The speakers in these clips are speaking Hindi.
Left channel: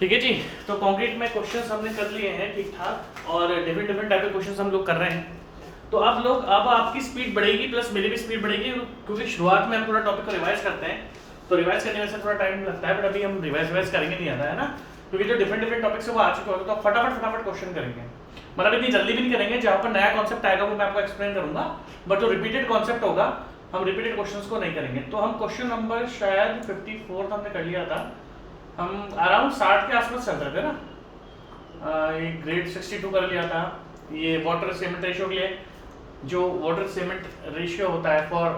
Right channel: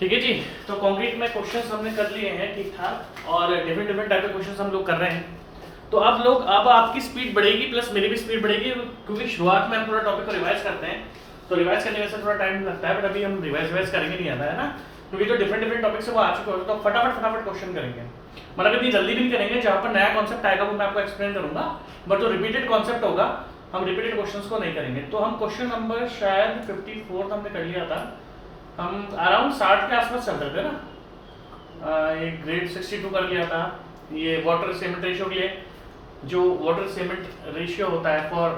ठीक है जी। तो कंक्रीट में क्वेश्चंस हमने कर लिए हैं ठीक ठाक, और डिफरेंट डिफरेंट टाइप के क्वेश्चंस हम लोग कर रहे हैं। तो आप लोग अब आपकी स्पीड बढ़ेगी प्लस मेरी भी स्पीड बढ़ेगी, क्योंकि शुरुआत में हम थोड़ा टॉपिक को रिवाइज करते हैं, तो रिवाइज करने में से थोड़ा टाइम लगता है, बट अभी हम रिवाइज करेंगे नहीं आता है ना, क्योंकि जो डिफरेंट डिफरेंट टॉपिक्स है वो आ चुके होते तो फटाफट क्वेश्चन करेंगे। मतलब इतनी जल्दी भी नहीं करेंगे, जहाँ पर नया कॉन्सेप्ट आएगा वो मैं आपको एक्सप्लेन करूंगा, बट जो रिपीटेड कॉन्सेप्ट होगा हम रिपीटेड क्वेश्चंस को नहीं करेंगे। तो हम क्वेश्चन नंबर शायद 54 हमने कर लिया था, हम अराउंड 60 के आसपास चल रहे थे ना। ये ग्रेड 62 कर लिया था, ये वाटर सीमेंट रेशियो के लिए, जो वाटर सीमेंट रेशियो होता है फॉर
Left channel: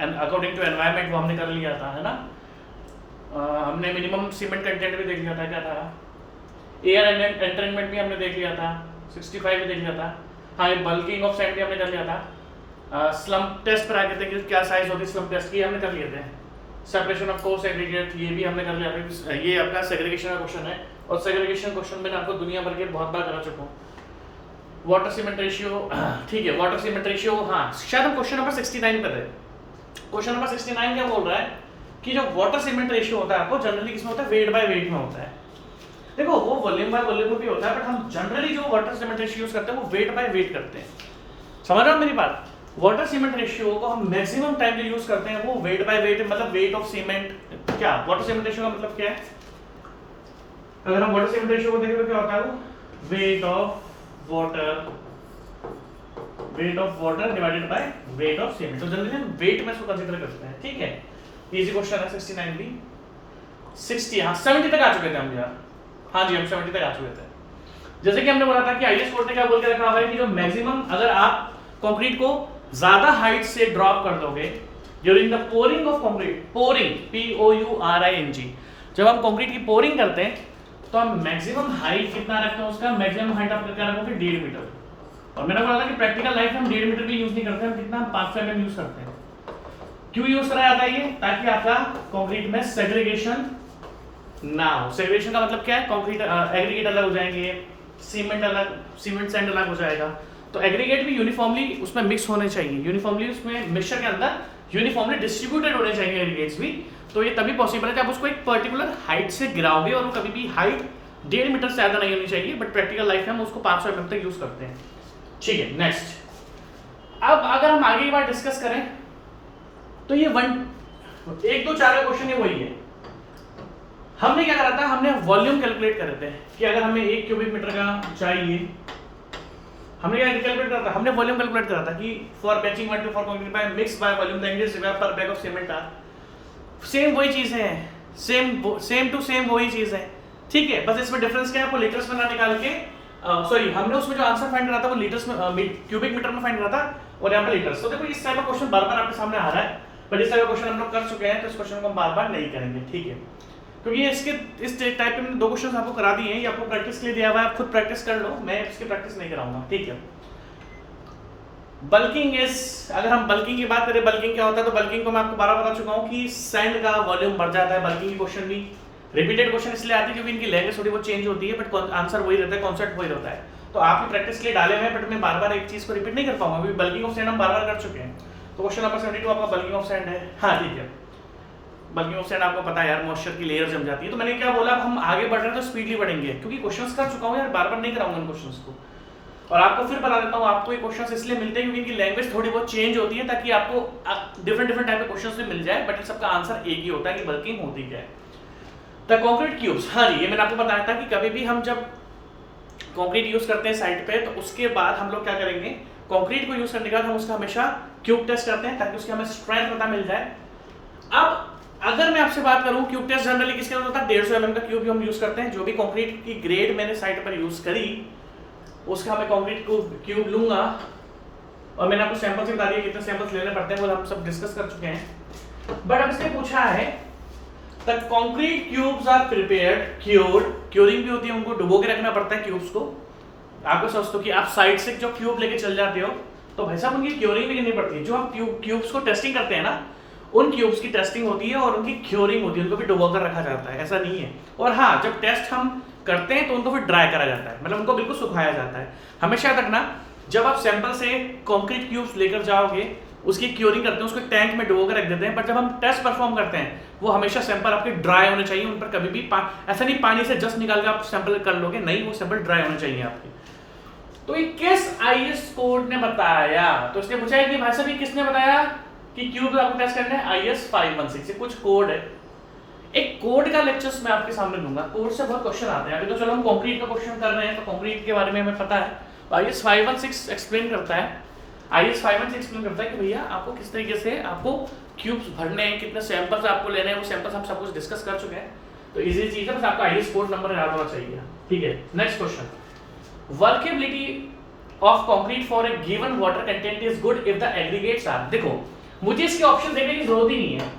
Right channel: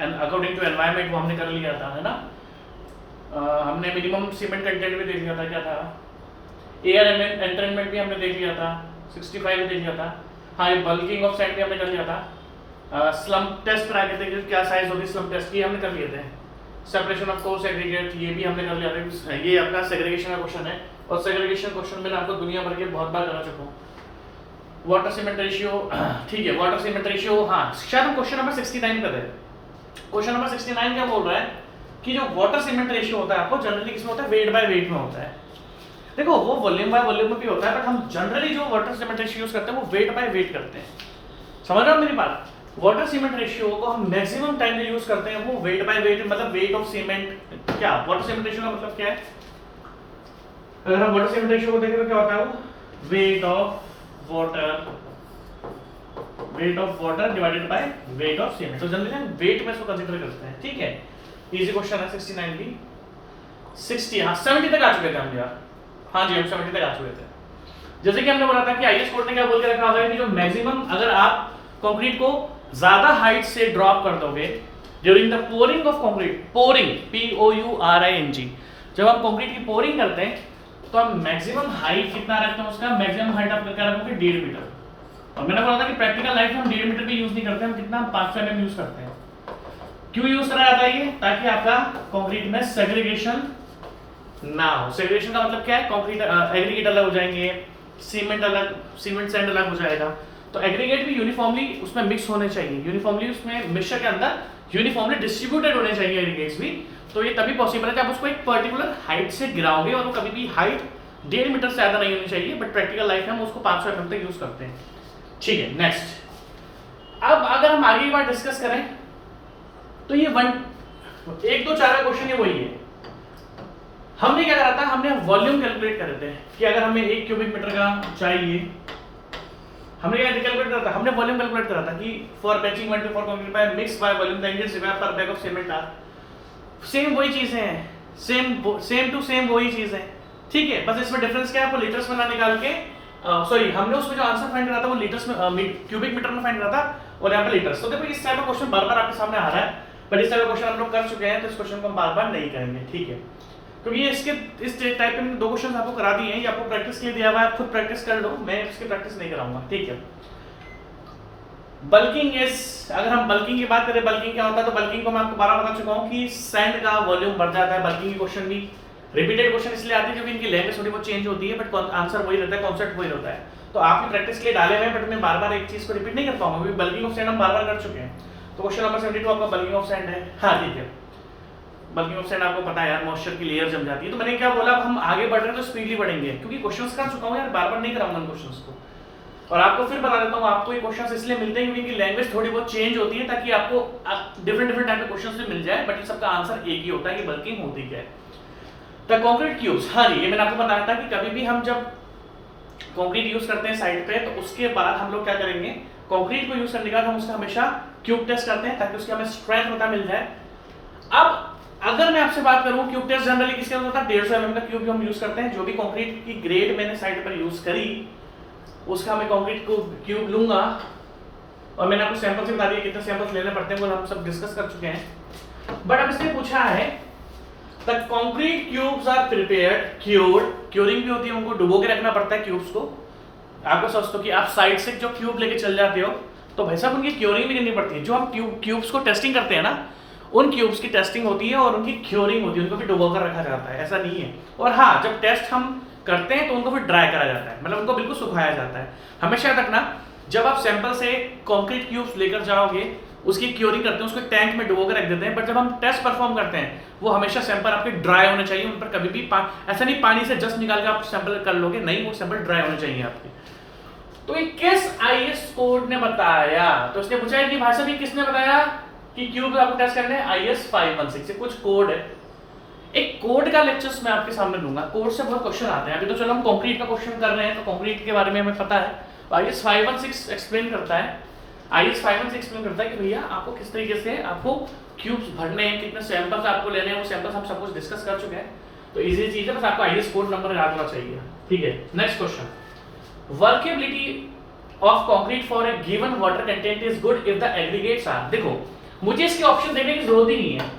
अकॉर्डिंग टू एनवायरनमेंट, वो हमने कर लिया था, है ना। हमने मिनिमम सीमेंट कंटेंट भी देख लिया था, क्या था, एयर एंटरटेनमेंट भी हमने देख लिया था, 65 भी देख लिया था। हाँ, बल्किंग ऑफ सैंड भी हमने कर लिया था। स्लम टेस्ट पर आके देखिए क्या साइज होती है स्लम टेस्ट की, हमने कर लिए थे। सेपरेशन ऑफ कोर्स एग्रीगेट, ये भी हमने कर लिया था। ये आपका सेग्रीगेशन का क्वेश्चन है, और सेग्रीगेशन क्वेश्चन मैंने आपको दुनिया भर के बहुत बार करा चुका हूँ। वाटर सीमेंट रेशियो, ठीक है, वाटर सीमेंट रेशियो, हाँ शायद हम क्वेश्चन नंबर 69 कर रहे हैं। क्वेश्चन नंबर 69 क्या बोल रहा है कि जो वाटर सीमेंट रेशियो होता है आपको जनरली किसमें होता है, वेट बाय वेट में होता है। देखो वो वॉल्यूम बाय वॉल्यूम में भी होता है, बट हम जनरली जो वाटर सीमेंट रेशियो यूज करते हैं वो वेट बाय वेट करते हैं। समझ रहे हो मेरी बात। वाटर सीमेंट रेशियो को हम मैक्सिमम टाइम जो यूज करते हैं वो वेट बाय वेट, मतलब वेट ऑफ सीमेंट। क्या वाटर सीमेंट रेशियो का मतलब क्या है, अगर हम वाटर सीमेंट रेशियो को देखें तो क्या होता है, वो weight of water divided by weight of cement. तो जनरली हम वेट में इसको कंसीडर करते हैं, ठीक है। इजी क्वेश्चन है 69 भी। 60, हाँ 70 तक आ चुके थे हम यार, हाँ जी हम 70 तक आ चुके थे। जैसे कि हमने बोला था कि आईएस कोड ने क्या बोल के रखा होगा कि जो मैक्सिमम, अगर आप कंक्रीट को ज्यादा हाइट से ड्रॉप कर दोगे during the pouring of concrete, pouring POURING, जब हम कंक्रीट की पोरिंग करते हैं तो हम मैक्सिमम हाइट कितना रखते हैं, उसका मैक्सिमम हाइट आप क्या रखोगे, 1.5 मीटर। और मैंने बोला था कि प्रैक्टिकल लाइफ में हम 1.5 मीटर भी यूज नहीं करते, हम कितना, 500 mm यूज करते हैं। क्यों यूज करा जाता है ये, ताकि आपका कंक्रीट में सेग्रीगेशन ना हो। सेग्रीगेशन का मतलब क्या है, कंक्रीट एग्रीगेट अलग हो जाएंगे, सीमेंट अलग, सीमेंट सैंड अलग हो जाएगा। तो एग्रीगेट भी यूनिफॉर्मली उसमें मिक्स होने चाहिए, यूनिफॉर्मली उसमें मिक्सचर के अंदर यूनिफॉर्मली डिस्ट्रीब्यूटेड होने चाहिए एग्रीगेट्स भी। तो ये तभी पॉसिबल है कि आप उसको एक पर्टिकुलर हाइट से गिराओगे, और वो कभी भी हाइट 1.5 मीटर से ज्यादा नहीं होनी चाहिए, बट प्रैक्टिकल लाइफ में हम उसको 500 mm तक यूज करते हैं, ठीक है। नेक्स्ट, अब अगर हम आगे की बात डिस्कस करें तो ये 1 2 4 का क्वेश्चन है वही है। हमने क्या करा था, हमने वॉल्यूम कैलकुलेट करे थे कि अगर हमें 1 क्यूबिक मीटर का चाहिए, हमने क्या कैलकुलेट करा था, हमने वॉल्यूम कैलकुलेट करा था कि for batching 1 to 4 concrete by mix by volume the index required per bag of cement are. Same वही चीज है, सेम टू सेम वही चीज है, ठीक है। बस इसमें डिफरेंस क्या है, आपको लीटर्स में ना निकाल के, सॉरी हमने उसमें जो आंसर फाइंड करा था वो लीटर्स में, क्यूबिक मीटर में फाइंड करा था, और यहाँ पे लीटर्स। तो देखो इस टाइप का क्वेश्चन बार बार आपके सामने आ रहा है, बट इस टाइप का क्वेश्चन हम लोग कर चुके हैं, तो इस क्वेश्चन को हम बार बार नहीं करेंगे, ठीक है। क्योंकि इसके इस टाइप के मैंने 2 क्वेश्चन आपको करा दिए हैं, ये आपको प्रैक्टिस के लिए दिया हुआ है, आप खुद प्रैक्टिस कर लो, मैं इसकी प्रैक्टिस नहीं कराऊंगा, ठीक है। बल्किंग इज, अगर हम बल्किंग की बात करें, बल्किंग क्या होता है, तो बल्किंग को मैं आपको बार बता चुका हूं कि सैंड का वॉल्यूम बढ़ जाता है। बल्किंग की क्वेश्चन भी रिपीटेड क्वेश्चन इसलिए आती है क्योंकि इनकी लैंग्वेज थोड़ी बहुत चेंज होती है, बट आंसर वही रहता है, कॉन्सेप्ट वही रहता है। तो आपकी प्रैक्टिस के लिए डाले हुए हैं, बट मैं बार बार एक चीज को रिपीट नहीं कर पाऊंगा, क्योंकि बल्किंग ऑफ सैंड हम बार बार कर चुके हैं। तो क्वेश्चन नंबर 72 आपका बल्किंग ऑफ सैंड है, हाँ ठीक है। बल्किंग ऑफ सैंड आपको पता है यार, मॉइस्चर की लेयर जम जाती है। तो मैंने क्या बोला, हम आगे बढ़ रहे हैं तो स्पीडली बढ़ेंगे, क्योंकि क्वेश्चंस कर चुका हूं यार, बार बार नहीं कराऊंगा क्वेश्चंस को। और आपको फिर बता देता हूं, आपको ये क्वेश्चंस इसलिए मिलते हैं क्योंकि इनकी लैंग्वेज थोड़ी बहुत चेंज होती है, ताकि आपको डिफरेंट टाइप के क्वेश्चंस भी मिल जाए, बट सबका आंसर एक ही होता है कि बल्किंग होती क्या है। द कंक्रीट क्यूब्स, हाँ जी ये मैंने आपको बताया था कि कभी भी हम जब कंक्रीट यूज करते हैं साइट पे, तो उसके बाद हम लोग क्या करेंगे, कंक्रीट को यूज करने के बाद हम उसका हमेशा क्यूब टेस्ट करते हैं, ताकि उसके हमें स्ट्रेंथ पता मिल जाए। अब अगर मैं आपसे बात करूं, क्यूब टेस्ट जनरली किसके अंदर होता है, 150 mm का क्यूब हम यूज करते हैं। जो भी कंक्रीट की ग्रेड मैंने साइट पर यूज करी, उसका मैं कंक्रीट को क्यूब लूंगा, और मैंने आपको सैंपल से बता दिया कितने सैंपल्स लेने पड़ते हैं, वो हम सब डिस्कस कर चुके हैं। बट अब इसने पूछा है the concrete cubes are prepared, curing भी होती है, उनको डुबो के रखना पड़ता है क्यूब्स को। आपको सोचते हो कि आप साइड से जो क्यूब लेके चल जाते हो, तो भाई साहब उनकी क्यूरिंग भी करनी पड़ती है। जो हम क्यूब्स को टेस्टिंग करते हैं ना, उन क्यूब्स की टेस्टिंग होती है और उनकी क्यूरिंग होती है, उनको भी डुबो कर रखा जाता है, ऐसा नहीं है। और हाँ, जब टेस्ट हम करते हैं तो उनको फिर ड्राई करा जाता है, मतलब उनको बिल्कुल सुखाया जाता है। हमेशा याद रखना, जब आप सैंपल से कंक्रीट क्यूब्स लेकर जाओगे उसकी क्योरिंग करते हैं, उसको टैंक में डुबो के रख देते हैं, बट जब हम टेस्ट परफॉर्म करते हैं वो हमेशा सैंपल आपके ड्राई होने चाहिए, उन पर कभी भी ऐसा नहीं पानी से जस्ट निकाल के आप सैंपल कर लोगे, नहीं, वो सैंपल ड्राई होने चाहिए आपके। तो ये किस आईएस कोड ने बताया? तो इसने पूछा है कि भाई साहब ये किसने बताया कि क्यूब आपको टेस्ट करना है? आईएस 516 से कुछ कोड है, एक कोड का लेक्चर्स मैं आपके सामने दूंगा, कोड से बहुत क्वेश्चन आते हैं। अभी तो चलो हम कंक्रीट का क्वेश्चन कर रहे हैं, तो कंक्रीट के बारे में हमें पता है। आईएस 516 एक्सप्लेन करता है, आईएस 516 एक्सप्लेन करता है कि भैया आपको किस तरीके से आपको क्यूब्स भरने हैं, कितने सैंपल्स आपको लेने हैं, वो सैंपल्स हम सब कुछ डिस्कस कर चुके हैं, तो इजी चीज है, बस आपको आईएस कोड नंबर याद होना चाहिए, ठीक है। Next question, workability of concrete for a given water content is good if the aggregates are, देखो मुझे इसके ऑप्शन देखने की जरूरत ही नहीं है।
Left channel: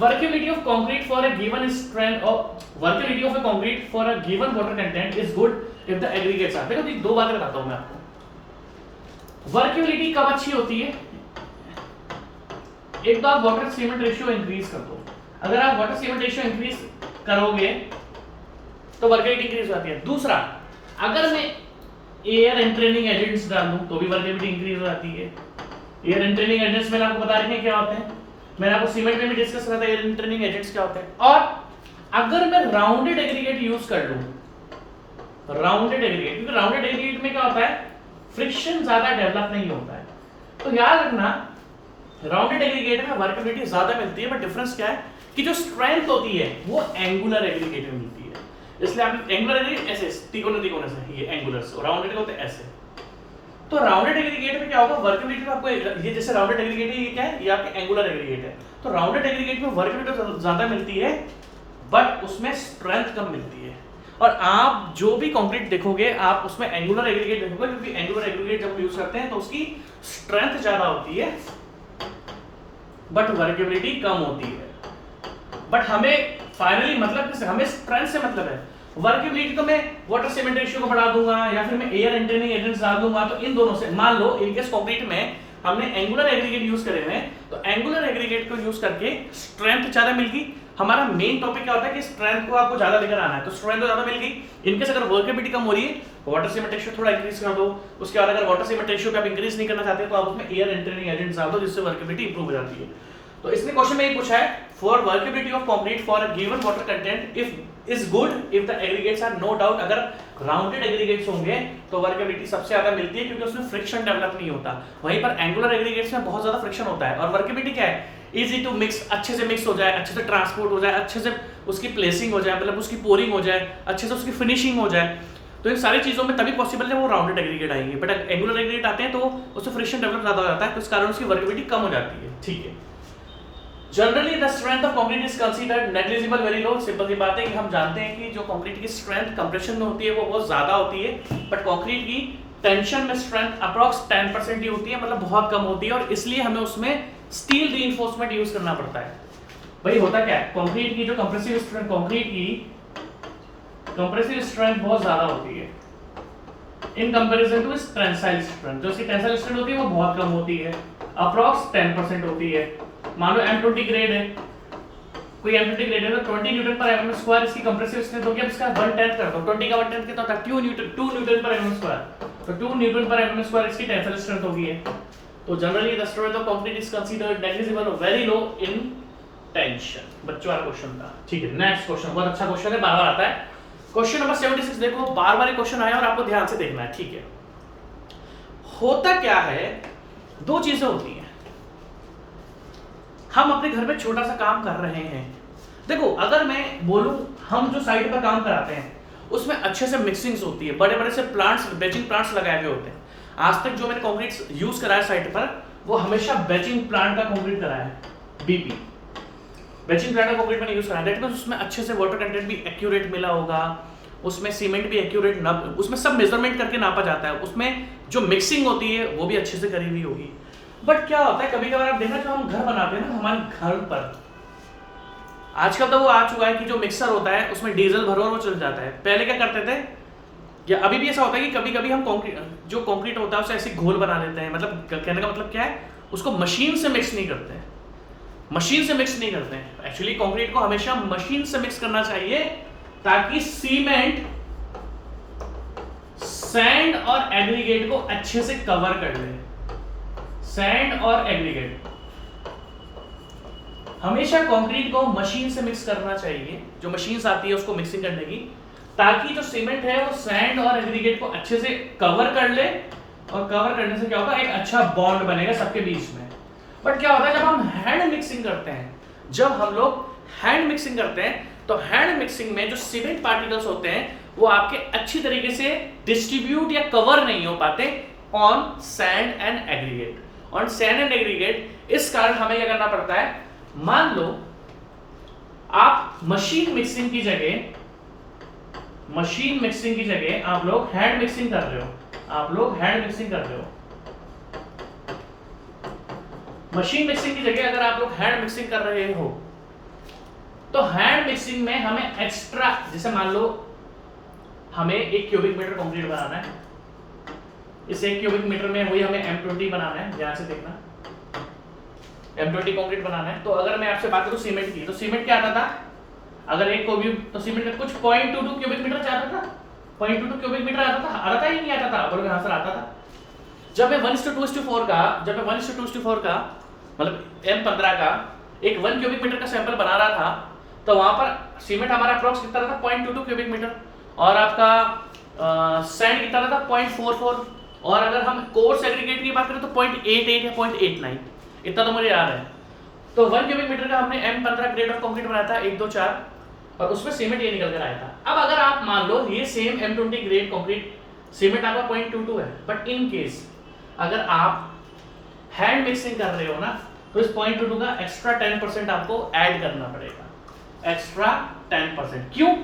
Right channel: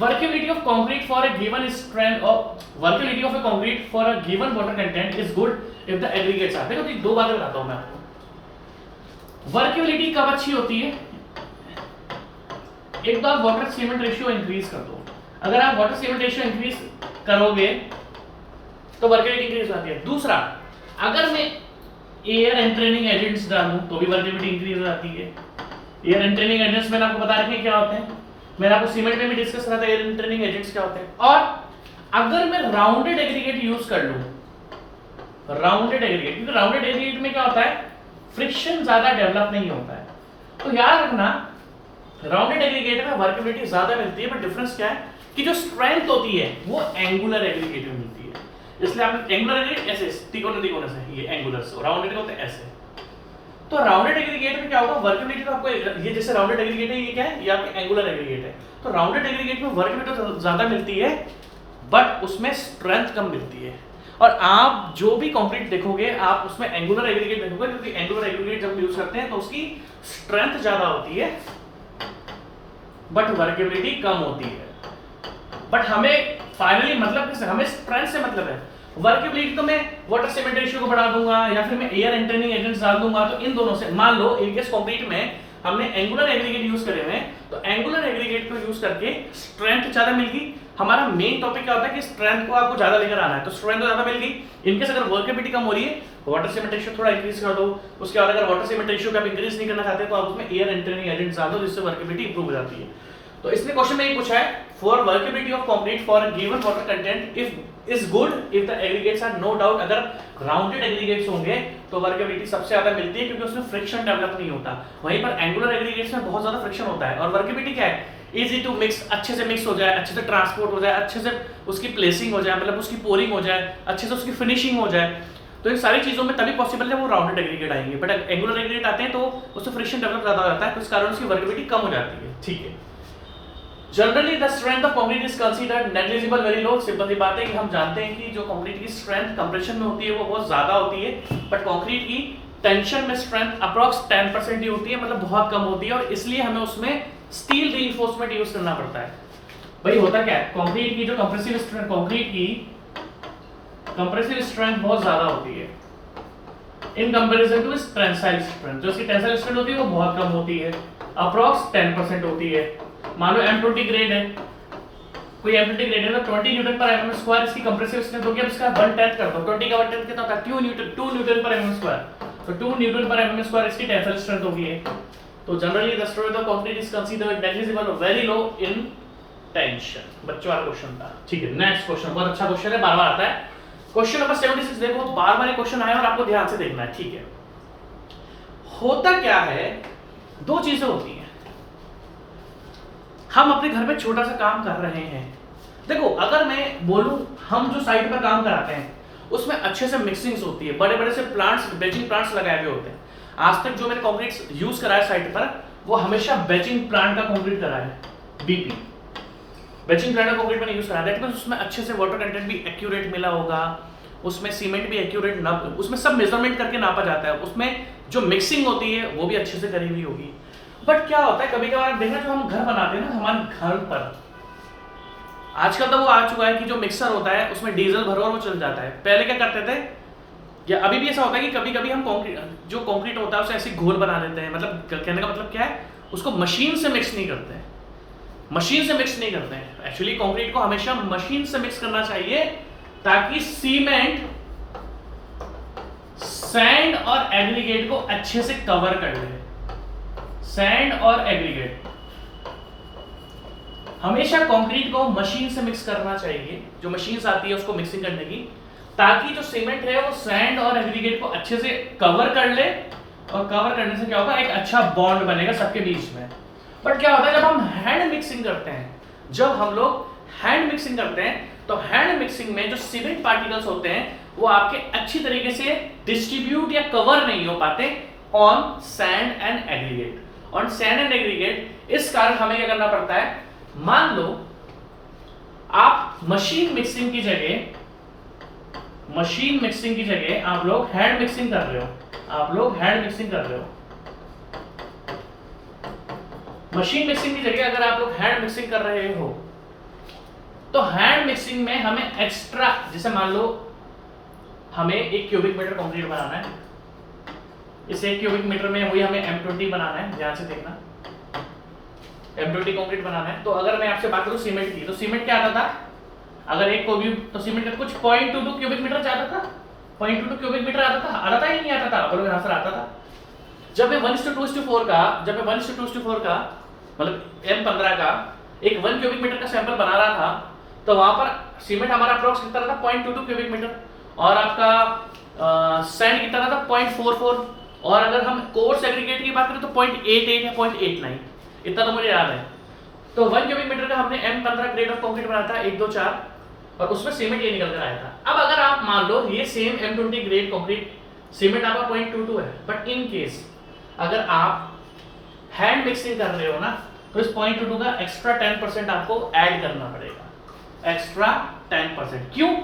Workability of concrete for a given strength of workability of a concrete for a given water content is good if the aggregates are, देखो दो बातें बताता हूं मैं आपको। वर्केबिलिटी कब अच्छी होती है? एक तो आप वाटर सीमेंट रेशियो इंक्रीज कर दो, अगर आप वाटर सीमेंट रेशियो इंक्रीज करोगे तो वर्केबिलिटी इंक्रीज होती है। दूसरा, अगर मैं एयर एंट्रेनिंग एजेंट्स डालूं तो भी वर्केबिलिटी इंक्रीज हो जाती है। एयर एंट्रेनिंग एजेंट्स मैंने आपको बता रखे क्या होते हैं, मैंने आपको सीमेंट में भी डिस्कस करा था एयर एंट्रेनिंग एजेंट्स क्या होते हैं। और अगर मैं राउंडेड एग्रीगेट यूज कर लूं, राउंडेड एग्रीगेट, क्योंकि राउंडेड एग्रीगेट में क्या होता है, फ्रिक्शन ज्यादा डेवलप नहीं होता है, तो याद रखना राउंडेड एग्रीगेट में वर्केबिलिटी ज्यादा मिलती है, बट डिफरेंस क्या है कि जो स्ट्रेंथ होती है वो एंगुलर एग्रीगेट में मिलती है। इसलिए आप एंगुलर एग्रीगेट ऐसे तिकोने से, ये एंगुलर, राउंडेड होते हैं ऐसे। तो राउंडेड एग्रीगेट में क्या होगा, वर्केबिलिटी तो आपको ये जैसे राउंडेड एग्रीगेट है, ये क्या है, ये आपके एंगुलर एग्रीगेट है। तो राउंडेड एग्रीगेट में वर्केबिलिटी ज्यादा मिलती है, बट उसमें स्ट्रेंथ कम मिलती है। और आप जो भी कंक्रीट देखोगे आप उसमें एंगुलर एग्रीगेट देखोगे, क्योंकि एंगुलर एग्रीगेट जब यूज करते हैं तो उसकी स्ट्रेंथ ज्यादा होती है बट वर्केबिलिटी कम होती है। बट हमें फाइनली मतलब हमें स्ट्रेंथ से मतलब है, वर्केबिलिटी तो मैं वाटर सीमेंट रेशियो को बढ़ा दूंगा या फिर मैं एयर एंट्रेनिंग एजेंट्स डाल दूंगा, तो इन दोनों से मान लो एकेस कंक्रीट में हमने एंगुलर एग्रीगेट यूज करे हुए हैं, तो एंगुलर एग्रीगेट को यूज करके स्ट्रेंथ ज्यादा मिल गई। हमारा मेन टॉपिक क्या होता है कि स्ट्रेंथ को आपको ज्यादा लेकर आना है, तो स्ट्रेंथ तो ज्यादा मिल गई। इनकेस अगर वर्केबिलिटी कम हो रही है, वाटर सीमेंट रेशियो थोड़ा इंक्रीज कर दो। उसके बाद अगर वाटर सीमेंट रेशियो को आप इंक्रीज नहीं करना चाहते तो आप उसमें एयर एंट्रेनिंग एजेंट्स डाल दो, जिससे वर्केबिलिटी इंप्रूव हो जाती है। तो इसने क्वेश्चन में ये पूछा है, for workability of concrete for given water content if is good if the aggregates are, no doubt अगर राउंडेड एग्रीगेट्स होंगे तो वर्केबिलिटी सबसे ज्यादा मिलती है, क्योंकि उसमें फ्रिक्शन डेवलप नहीं होता। वहीं पर एंगुलर एग्रीगेट्स में बहुत ज्यादा फ्रिक्शन होता है। और वर्केबिलिटी क्या है, इजी टू मिक्स, अच्छे से मिक्स हो जाए, अच्छे से ट्रांसपोर्ट हो जाए, अच्छे से उसकी प्लेसिंग हो जाए, मतलब उसकी पोरिंग हो जाए, अच्छे से उसकी फिनिशिंग हो जाए। तो इन सारी चीजों में तभी पॉसिबल है वो राउंडेड एग्रीगेट आएंगे। बट एंगुलर एग्रीगेट आते हैं तो उससे फ्रिक्शन डेवलप ज्यादा हो जाता है, तो इस कारण उसकी वर्केबिलिटी कम हो जाती है, ठीक है। Generally the strength of concrete is considered negligible very low, simple सी बात है कि हम जानते हैं कि जो कंक्रीट की स्ट्रेंथ कंप्रेशन में होती है वो बहुत ज्यादा होती है, बट कंक्रीट की टेंशन में स्ट्रेंथ अप्रॉक्स 10% ही होती है, मतलब बहुत कम होती है, और इसलिए हमें उसमें स्टील रीइंफोर्समेंट यूज करना पड़ता है। भाई होता क्या है, कंक्रीट की जो कंप्रेसिव स्ट्रेंथ, कंक्रीट की कंप्रेसिव स्ट्रेंथ बहुत ज्यादा होती है in comparison to tensile strength. जो इसकी टेंसाइल स्ट्रेंथ होती है वो बहुत कम होती है, अप्रॉक्स 10% होती है। मान लो M20 ग्रेड है, कोई M20 ग्रेड है तो 20 न्यूटन पर एमएम स्क्वायर इसकी कंप्रेसिव स्ट्रेंथ होगी। अब इसका 1/10 कर दो, 20 का 1/10 कितना होता है, 2 न्यूटन पर एमएम स्क्वायर, तो 2 न्यूटन पर एमएम स्क्वायर इसकी टेंसाइल स्ट्रेंथ होगी है। तो generally the strength of concrete is considered negligible और वेरी लो इन टेंशन। बच्चों वाला क्वेश्चन था, ठीक है। नेक्स्ट क्वेश्चन बहुत अच्छा क्वेश्चन है, बार-बार आता है। क्वेश्चन नंबर 76 देखो, बार-बार ये क्वेश्चन आया और आपको ध्यान से देखना है, ठीक है। होता क्या है, दो चीजें होती हैं। हम अपने घर में छोटा सा काम कर रहे हैं, देखो अगर मैं बोलूं हम जो साइट पर काम कराते हैं उसमें अच्छे से मिक्सिंग्स होती है, बड़े बड़े से प्लांट्स, बेचिंग प्लांट्स लगाए हुए होते हैं। आज तक जो मैंने कंक्रीट यूज करा है साइट पर वो हमेशा बेचिंग प्लांट का कंक्रीट करा है, बीपी बेचिंग प्लांट का कंक्रीट मैंने यूज करा है, बिकॉज़ उसमें अच्छे से वाटर कंटेंट भी एक्यूरेट मिला होगा, उसमें सीमेंट भी एक्यूरेट ना, उसमें सब मेजरमेंट करके नापा जाता है, उसमें जो मिक्सिंग होती है वो भी अच्छे से करी हुई होगी। बट क्या होता है कभी कभार आप देखना, जो हम घर बनाते हैं ना हमारे घर पर, आजकल तो वो आ चुका है कि जो मिक्सर होता है उसमें डीजल भरो और वो चल जाता है। पहले क्या करते थे, या अभी भी ऐसा होता है कि कभी कभी हम जो कंक्रीट होता है उसे ऐसे घोल बना देते हैं। मतलब कहने का मतलब क्या है, उसको मशीन से मिक्स नहीं करते हैं, मशीन से मिक्स नहीं करते हैं। एक्चुअली कंक्रीट को हमेशा मशीन से मिक्स करना चाहिए ताकि सीमेंट, सैंड और एग्रीगेट को अच्छे से कवर कर ले। सैंड और एग्रीगेट, हमेशा कंक्रीट को मशीन से मिक्स करना चाहिए, जो मशीन आती है उसको मिक्सिंग करने की, ताकि जो सीमेंट है वो सैंड और एग्रीगेट को अच्छे से कवर कर ले, और कवर करने से क्या होगा, एक अच्छा बॉन्ड बनेगा सबके बीच में। बट क्या होता है जब हम हैंड मिक्सिंग करते हैं, जब हम लोग हैंड मिक्सिंग करते हैं तो हैंड मिक्सिंग में जो सीमेंट पार्टिकल्स होते हैं वो आपके अच्छी तरीके से डिस्ट्रीब्यूट या कवर नहीं हो पाते on sand and aggregate, on sand and aggregate. इस कारण हमें क्या करना पड़ता है, मान लो आप मशीन मिक्सिंग की जगह आप लोग हैंड मिक्सिंग कर रहे हो, मशीन मिक्सिंग की जगह अगर आप लोग हैंड मिक्सिंग कर रहे हो तो हैंड मिक्सिंग में हमें एक्स्ट्रा, जैसे मान लो हमें 1 क्यूबिक मीटर कंक्रीट बनाना है, इस 1 क्यूबिक मीटर में वही हमें M20 बनाना है, ध्यान से देखना, M20 कंक्रीट बनाना है। तो अगर मैं आपसे बात करूं सीमेंट की, तो सीमेंट क्या आता था, अगर 1 क्यूबिक, तो सीमेंट का कुछ 0.22 क्यूबिक मीटर जाता था, 0.22 क्यूबिक मीटर आता था ही नहीं आता था, बोलो यहां से आता था। जब मैं 1:2:4 का मतलब M15 का एक 1 क्यूबिक मीटर का सैंपल बना रहा था, तो वहां पर सीमेंट हमारा अप्रोक्स कितना था, 0.22 क्यूबिक मीटर, और आपका सैंड कितना था, 0.44, और अगर हम कोर्स एग्रीगेट की बात करें तो 0.88 या 0.89, इतना तो मुझे याद है। तो 1 क्यूबिक मीटर का हमने M15 ग्रेड ऑफ कंक्रीट बनाया था 1 2 4, और उसमें सीमेंट ये निकल कर आया था। अब अगर आप मान लो ये same M20 grade concrete cement आपका 0.22 है, बट इन केस अगर आप हैंड मिक्सिंग कर रहे हो ना, तो इस 0.22 का एक्स्ट्रा 10% आपको ऐड करना पड़ेगा, एक्स्ट्रा 10%। क्यों?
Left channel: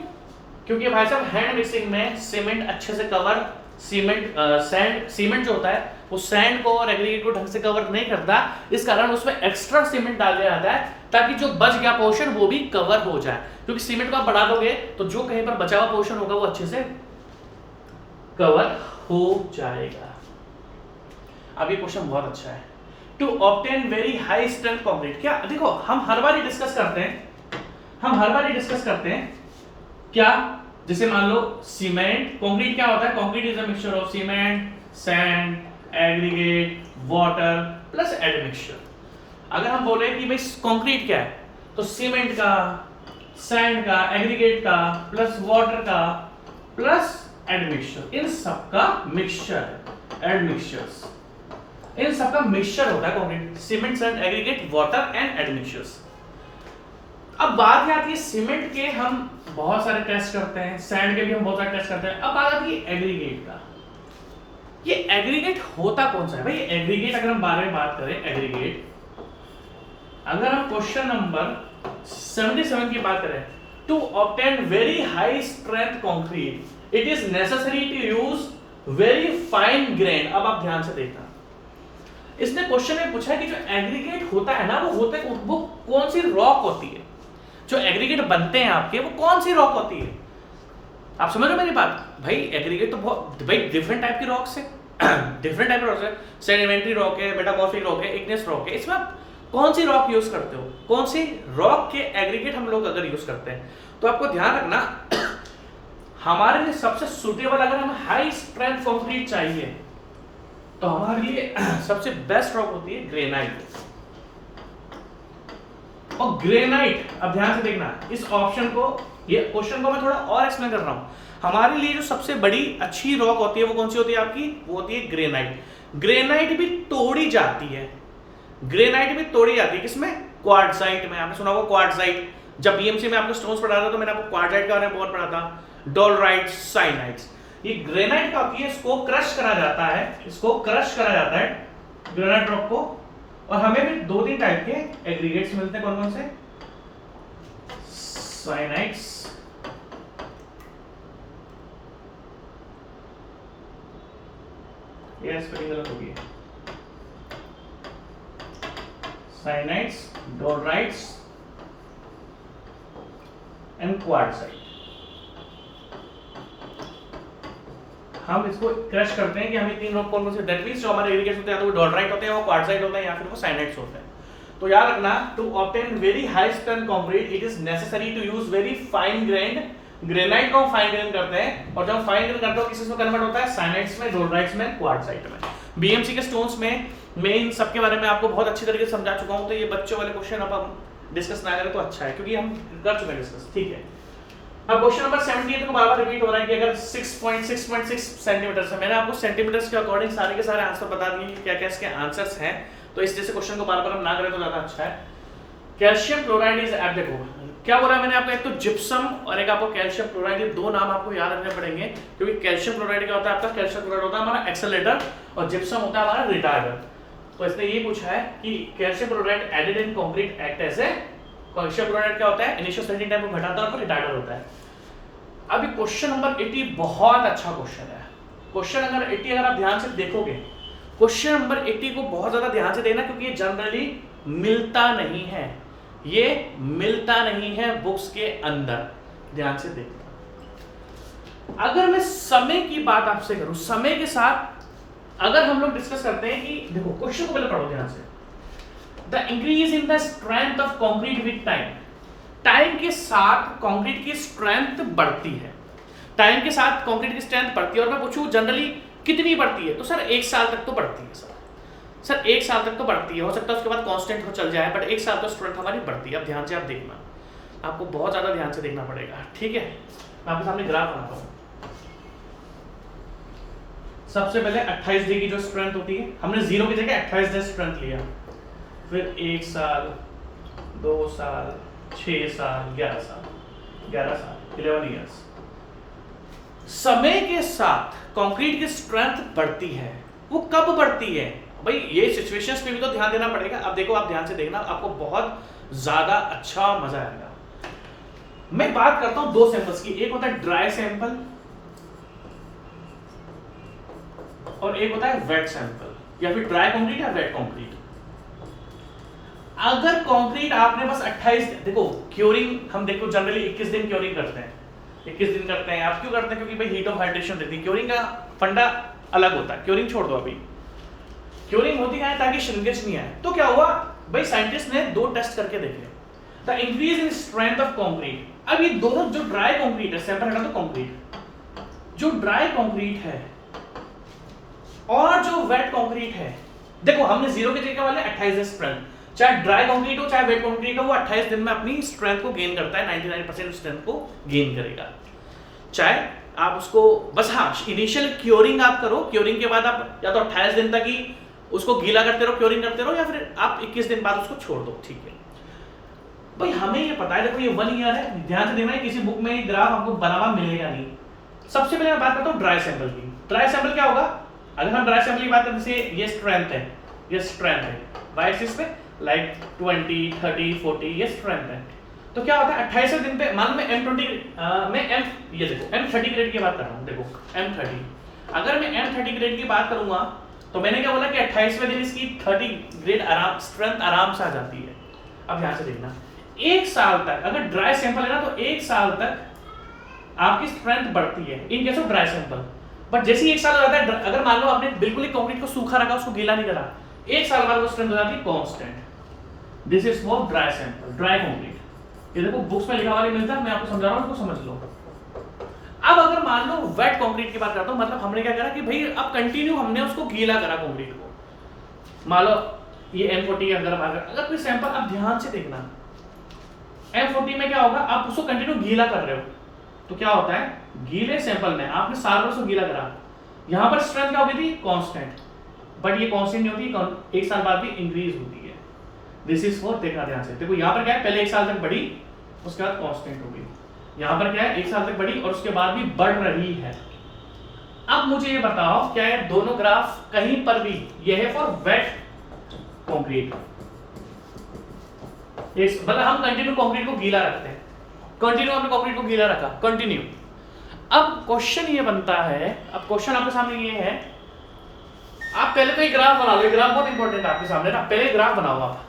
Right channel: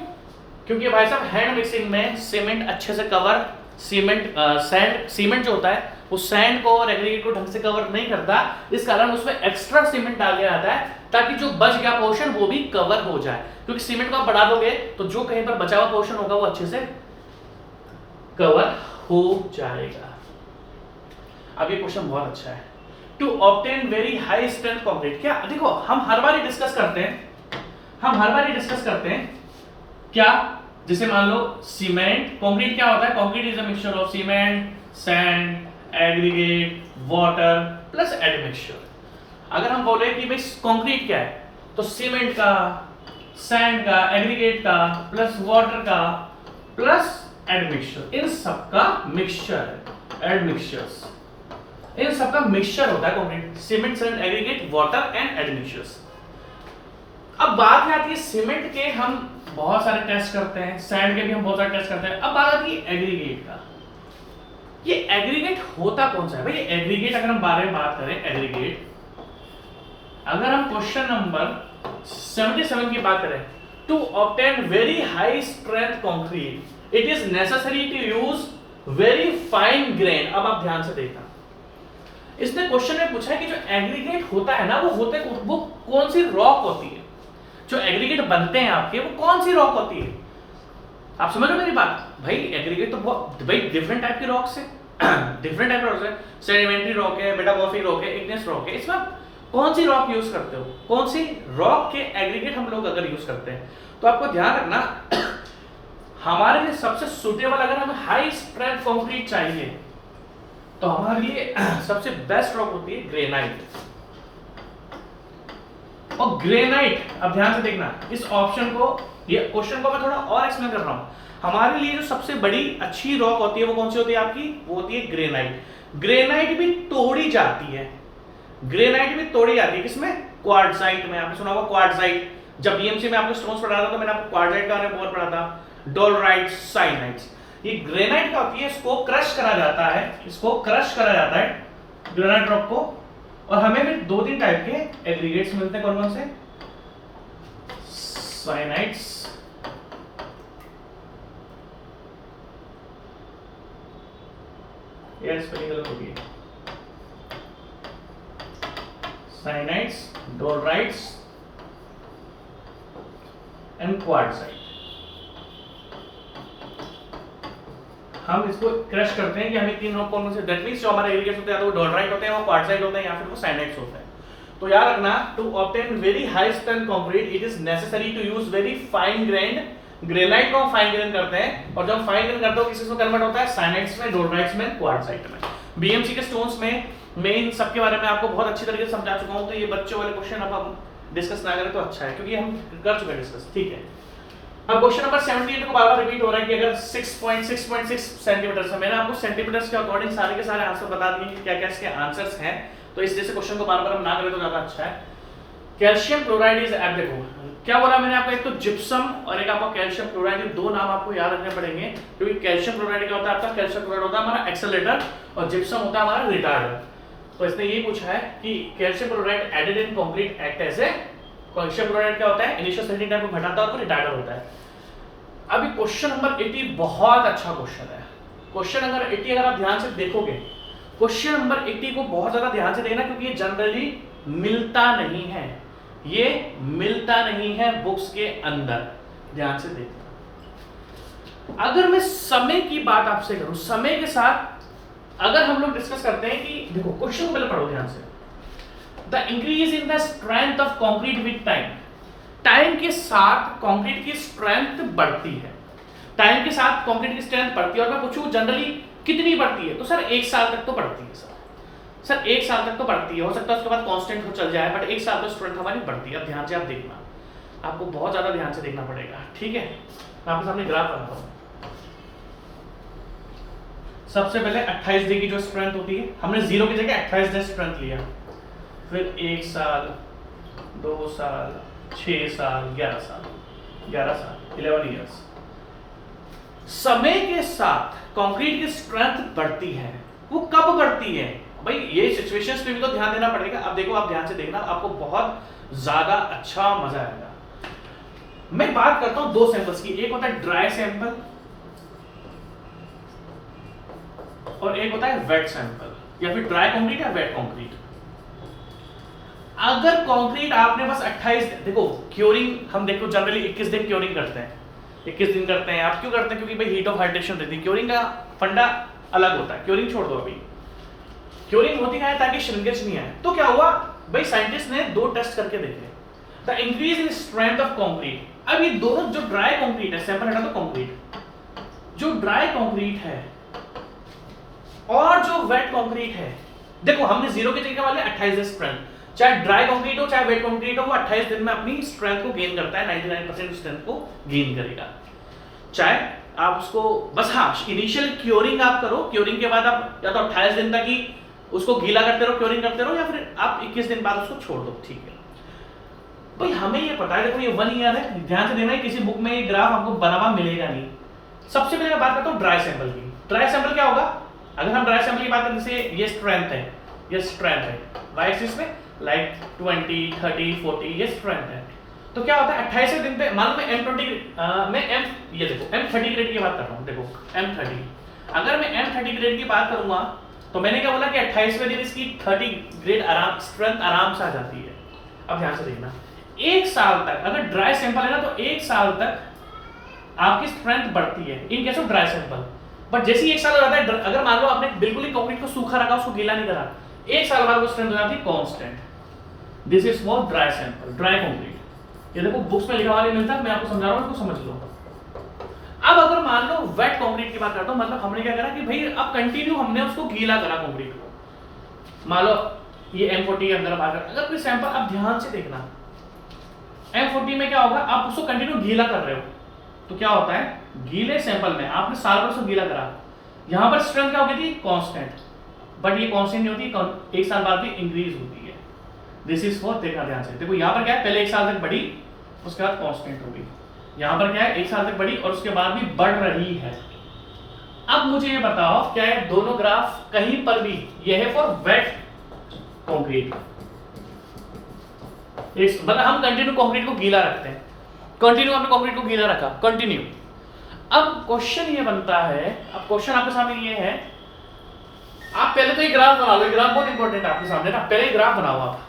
क्योंकि भाई साहब हैंड मिक्सिंग में सीमेंट अच्छे से कवर, सीमेंट जो होता है वो सैंड को और एग्रीगेट को ढंग से कवर नहीं करता, इस कारण उसमें एक्स्ट्रा सीमेंट डाल दिया जाता है ताकि जो बच गया पोर्शन वो भी कवर हो जाए, क्योंकि सीमेंट को आप बढ़ा दोगे तो जो कहीं पर बचा हुआ पोर्शन होगा वो अच्छे से कवर हो जाएगा। अब ये क्वेश्चन बहुत अच्छा है, to obtain very high strength concrete. क्या देखो, हम हर बार डिस्कस करते हैं क्या, जैसे मान लो सीमेंट, कंक्रीट क्या होता है, concrete is a mixture of cement, sand, aggregate, water plus admixture. अगर हम बोले कि भाई कंक्रीट क्या है, तो सीमेंट का, सैंड का, एग्रीगेट का प्लस वाटर का प्लस एडमिक्सचर, इन सबका मिक्सचर है, एडमिक्सचर्स, इन सबका मिक्सचर होता है concrete, cement, sand, aggregate, water and admixtures. अब बात आती है सीमेंट के हम बहुत सारे टेस्ट करते हैं, सैंड के भी हम बहुत सारे टेस्ट करते हैं। अब बात आती है एग्रीगेट का। ये एग्रीगेट होता कौन सा है भाई? एग्रीगेट अगर हम बारे में बात करें, एग्रीगेट अगर हम क्वेश्चन नंबर 77 की बात करें, to obtain very high strength concrete it is necessary to use very fine grain. अब आप ध्यान से देखना, इसने क्वेश्चन में पूछा है कि जो एग्रीगेट होता है ना, वो कौन सी रॉक होती है, जो एग्रीगेट बनते हैं आपके वो कौन सी रॉक होती है? आप समझ रहे हो मेरी बात? भाई एग्रीगेट तो बहुत भाई डिफरेंट टाइप की रॉक्स है, डिफरेंट टाइप रॉक्स है, सेडिमेंट्री रॉक है, मेटामॉर्फिक रॉक है, इग्नेस रॉक है। इसमें आप कौन सी रॉक यूज करते हो, कौन सी रॉक के एग्रीगेट हम लोग अगर यूज करते हैं, तो आपको ध्यान रखना हमारे लिए सबसे सुटेबल, अगर हमें हाई स्ट्रेंथ कंक्रीट चाहिए तो हमारे लिए सबसे बेस्ट रॉक होती है ग्रेनाइट। और ग्रेनाइट, अब ध्यान से देखना इस ऑप्शन को, ये क्वेश्चन को मैं थोड़ा और एक्सप्लेन कर रहा हूं। हमारे लिए जो सबसे बड़ी अच्छी रॉक होती है वो कौन सी होती है आपकी? वो होती है ग्रेनाइट। ग्रेनाइट भी तोड़ी जाती है, ग्रेनाइट भी तोड़ी जाती है किसमें? क्वार्टजाइट में। आपने सुना होगा क्वार्टजाइट, जब बीएमसी में आपको स्टोन्स पढ़ा था तो मैंने आपको क्वार्टजाइट के बारे में बहुत पढ़ा था, डोलराइट, साइनाइट्स। ये ग्रेनाइट का होती है, इसको क्रश करा जाता है, ग्रेनाइट रॉक को। और हमें भी 2-3 टाइप के एग्रीगेट्स मिलते हैं, कौन कौन से? साइनाइट्स, ये स्पेलिंग गलत होगी, साइनाइट्स, डोलराइट्स एंड क्वार्टजाइट। हम इसको क्रश करते हैं कि हमें 3 रॉक कौन से, दैट मींस जो हमारे एग्रीगेट्स होते हैं वो डोलराइट होते हैं, वो क्वार्टजाइट होता है, या फिर वो साइनाइट्स होता है। तो याद रखना, to obtain very high strength concrete it is necessary to use very fine grained. Granite को हम फाइन ग्रेन करते हैं, और जब फाइन ग्रेन करते हो किस में कन्वर्ट होता है? साइनाइट्स में, डोलराइट्स में, क्वार्टजाइट में। बीएमसी के स्टोन्स में मैं इन सब के बारे में आपको बहुत अच्छी तरीके से समझा चुका हूं, तो ये बच्चों वाले क्वेश्चन अब हम डिस्कस ना करें तो अच्छा है, क्योंकि हम कर चुके हैं डिस्कस, ठीक है। अब क्वेश्चन नंबर 78 को बार-बार रिपीट हो रहा है कि अगर 6.6 सेंटीमीटर से, मैंने आपको सेंटीमीटर्स के अकॉर्डिंग सारे के सारे आंसर बता दिए कि क्या-क्या इसके आंसर्स हैं, तो इस जैसे क्वेश्चन को बार-बार हम ना करें तो ज्यादा अच्छा है। कैल्शियम क्लोराइड इज एट देखो क्या बोला मैंने आपको, एक तो जिप्सम और एक आपको कैल्शियम क्लोराइड, ये दो नाम आपको याद रखने पड़ेंगे, क्योंकि कैल्शियम क्लोराइड क्या होता है आपका, कैल्शियम क्लोराइड होता है हमारा एक्सेलरेटर और जिप्सम होता है हमारा रिटार्डर। तो इसने ये पूछा है कि calcium chloride added in concrete act as a, calcium chloride क्या होता है, इनिशियल सेटिंग टाइम को घटाता है और रिटार्डर होता है। अभी क्वेश्चन नंबर 80 बहुत अच्छा क्वेश्चन है। क्वेश्चन नंबर 80 अगर आप ध्यान से देखोगे, क्वेश्चन नंबर 80 को बहुत ज्यादा ध्यान से देखना, क्योंकि ये जनरली मिलता नहीं है, ये मिलता नहीं है बुक्स के अंदर, ध्यान से देखना। अगर मैं समय की बात आपसे करूं, समय के साथ अगर हम लोग डिस्कस करते हैं कि देखो क्वेश्चन को पहले पढ़ो ध्यान से, the increase in the strength of concrete with time, time के साथ कंक्रीट की स्ट्रेंथ बढ़ती है, टाइम के साथ कंक्रीट की स्ट्रेंथ बढ़ती है। और मैं पूछूं जनरली कितनी बढ़ती है, तो सर 1 साल तक तो बढ़ती है सर 1 साल तक तो बढ़ती है, हो सकता है उसके बाद कांस्टेंट हो चल जाए, बट 1 साल तो स्ट्रेंथ हमारी बढ़ती है। अब ध्यान से आप देखना, आपको बहुत ज्यादा ध्यान से देखना पड़ेगा, ठीक है। मैं आपके सामने ग्राफ बनाता हूं। सबसे पहले 28 डे की जो स्ट्रेंथ होती है, हमने 0 की जगह 28 डे स्ट्रेंथ लिया, फिर 1 साल, 2 साल, 6 साल, 11 साल, 11 ईयर्स। समय के साथ कंक्रीट की स्ट्रेंथ बढ़ती है, वो कब बढ़ती है भाई, ये सिचुएशंस पे भी तो ध्यान देना पड़ेगा। अब देखो, आप ध्यान से देखना, आपको बहुत ज्यादा अच्छा मजा आएगा। मैं बात करता हूं 2 सैंपल्स की, एक होता है ड्राई सैंपल और एक होता है वेट सैंपल, या फिर ड्राई कंक्रीट या वेट कंक्रीट। अगर कंक्रीट आपने बस 28, देखो क्योरिंग हम देखो जनरली 21 दिन क्योरिंग करते हैं, 21 दिन करते हैं। आप क्यों करते हैं, क्योंकि भाई हीट ऑफ हाइड्रेशन रहती है, क्योरिंग का फंडा अलग होता है। क्योरिंग छोड़ दो, अभी क्योरिंग होती है ताकि श्रिंकेज नहीं आए। तो क्या हुआ भाई, साइंटिस्ट ने 2 टेस्ट करके देखे, the increase in strength of concrete. अब ये दोनों, जो ड्राई कंक्रीट है, सैंपल हटा दो, कंक्रीट जो ड्राई कंक्रीट है और जो वेट कंक्रीट है, देखो हमने 0 की जगह वाले 28 दिन स्ट्रेंथ, चाहे ड्राई कंक्रीट हो चाहे वेट कंक्रीट हो, वो 28 दिन में अपनी स्ट्रेंथ को गेन करता है, 99% स्ट्रेंथ को गेन करेगा। चाहे आप उसको बस, हाँ इनिशियल क्योरिंग आप करो, क्योरिंग के बाद आप या तो 28 दिन तक ही उसको गीला करते रहो, क्योरिंग करते रहो, या फिर आप 21 दिन बाद उसको छोड़ दो, ठीक है भाई। हमें ये पता है, देखो ये 1 ईयर है, ध्यान से देखना, किसी बुक में ये ग्राफ आपको बना हुआ मिलेगा नहीं। सबसे पहले मैं बात करता हूँ ड्राई सैंपल की। ड्राई सैंपल क्या होगा, अगर हम ड्राई सैंपल की बात करें, जैसे ये स्ट्रेंथ है, ये स्ट्रेंथ है, वाई एक्सिस पे लाइक 20, 30, 40, ये स्ट्रेंथ है। तो क्या होता है 28वें दिन पे, मान लो मैं M20 मैं ये देखो M30 ग्रेड की बात कर रहा हूँ, देखो M30, अगर मैं M30 ग्रेड की बात करूंगा तो मैंने क्या बोला कि 28वें दिन इसकी 30 ग्रेड आराम, स्ट्रेंथ आराम से आ जाती है। अब ध्यान से देखना, 1 साल तक अगर ड्राई सैंपल है ना, तो 1 साल तक आपकी स्ट्रेंथ बढ़ती है in case of dry sample. But जैसे ही 1 साल हो जाता है, अगर मान लो आपने बिल्कुल ही कंक्रीट को सूखा रखा, उसको गीला नहीं करा, 1 साल बाद वो स्ट्रेंथ हो जाती है constant. This is for dry sample, dry concrete. ये देखो बुक्स में लिखा हुआ नहीं मिलता, मैं आपको समझा रहा हूं, इसको समझ लो। अब अगर मान लो वेट कंक्रीट की बात करता हूं, मतलब हमने क्या करा कि भाई अब कंटिन्यू हमने उसको गीला करा कंक्रीट को। मान लो ये M40 अंदर बाहर, अगर कोई सैंपल, अब ध्यान से देखना, M40 में क्या होगा, आप उसको कंटिन्यू गीला कर रहे हो, तो क्या होता है गीले सैंपल में आपने साल भर उसको गीला करा, यहां पर स्ट्रेंथ क्या हो गई थी, कांस्टेंट। बट ये कांस्टेंट नहीं होती, 1 साल बाद भी इंक्रीज होती है। दिस इज फॉर, देखना ध्यान से, देखो यहां पर क्या है, पहले 1 साल तक बढ़ी, उसके बाद कांस्टेंट हो गई। यहां पर क्या है, 1 साल तक बढ़ी और उसके बाद भी बढ़ रही है। अब मुझे ये बताओ, क्या है दोनों ग्राफ कहीं पर भी, ये है फॉर वेट कंक्रीट, मतलब हम कंटिन्यू कंक्रीट को गीला रखते हैं, कंटिन्यू हमने कंक्रीट को गीला रखा, कंटिन्यू। अब क्वेश्चन ये बनता है, अब क्वेश्चन आपके सामने ये है, आप पहले तो एक ग्राफ बना लो, ग्राफ बहुत इंपॉर्टेंट है आपके सामने ना, पहले ग्राफ बनाओ, आप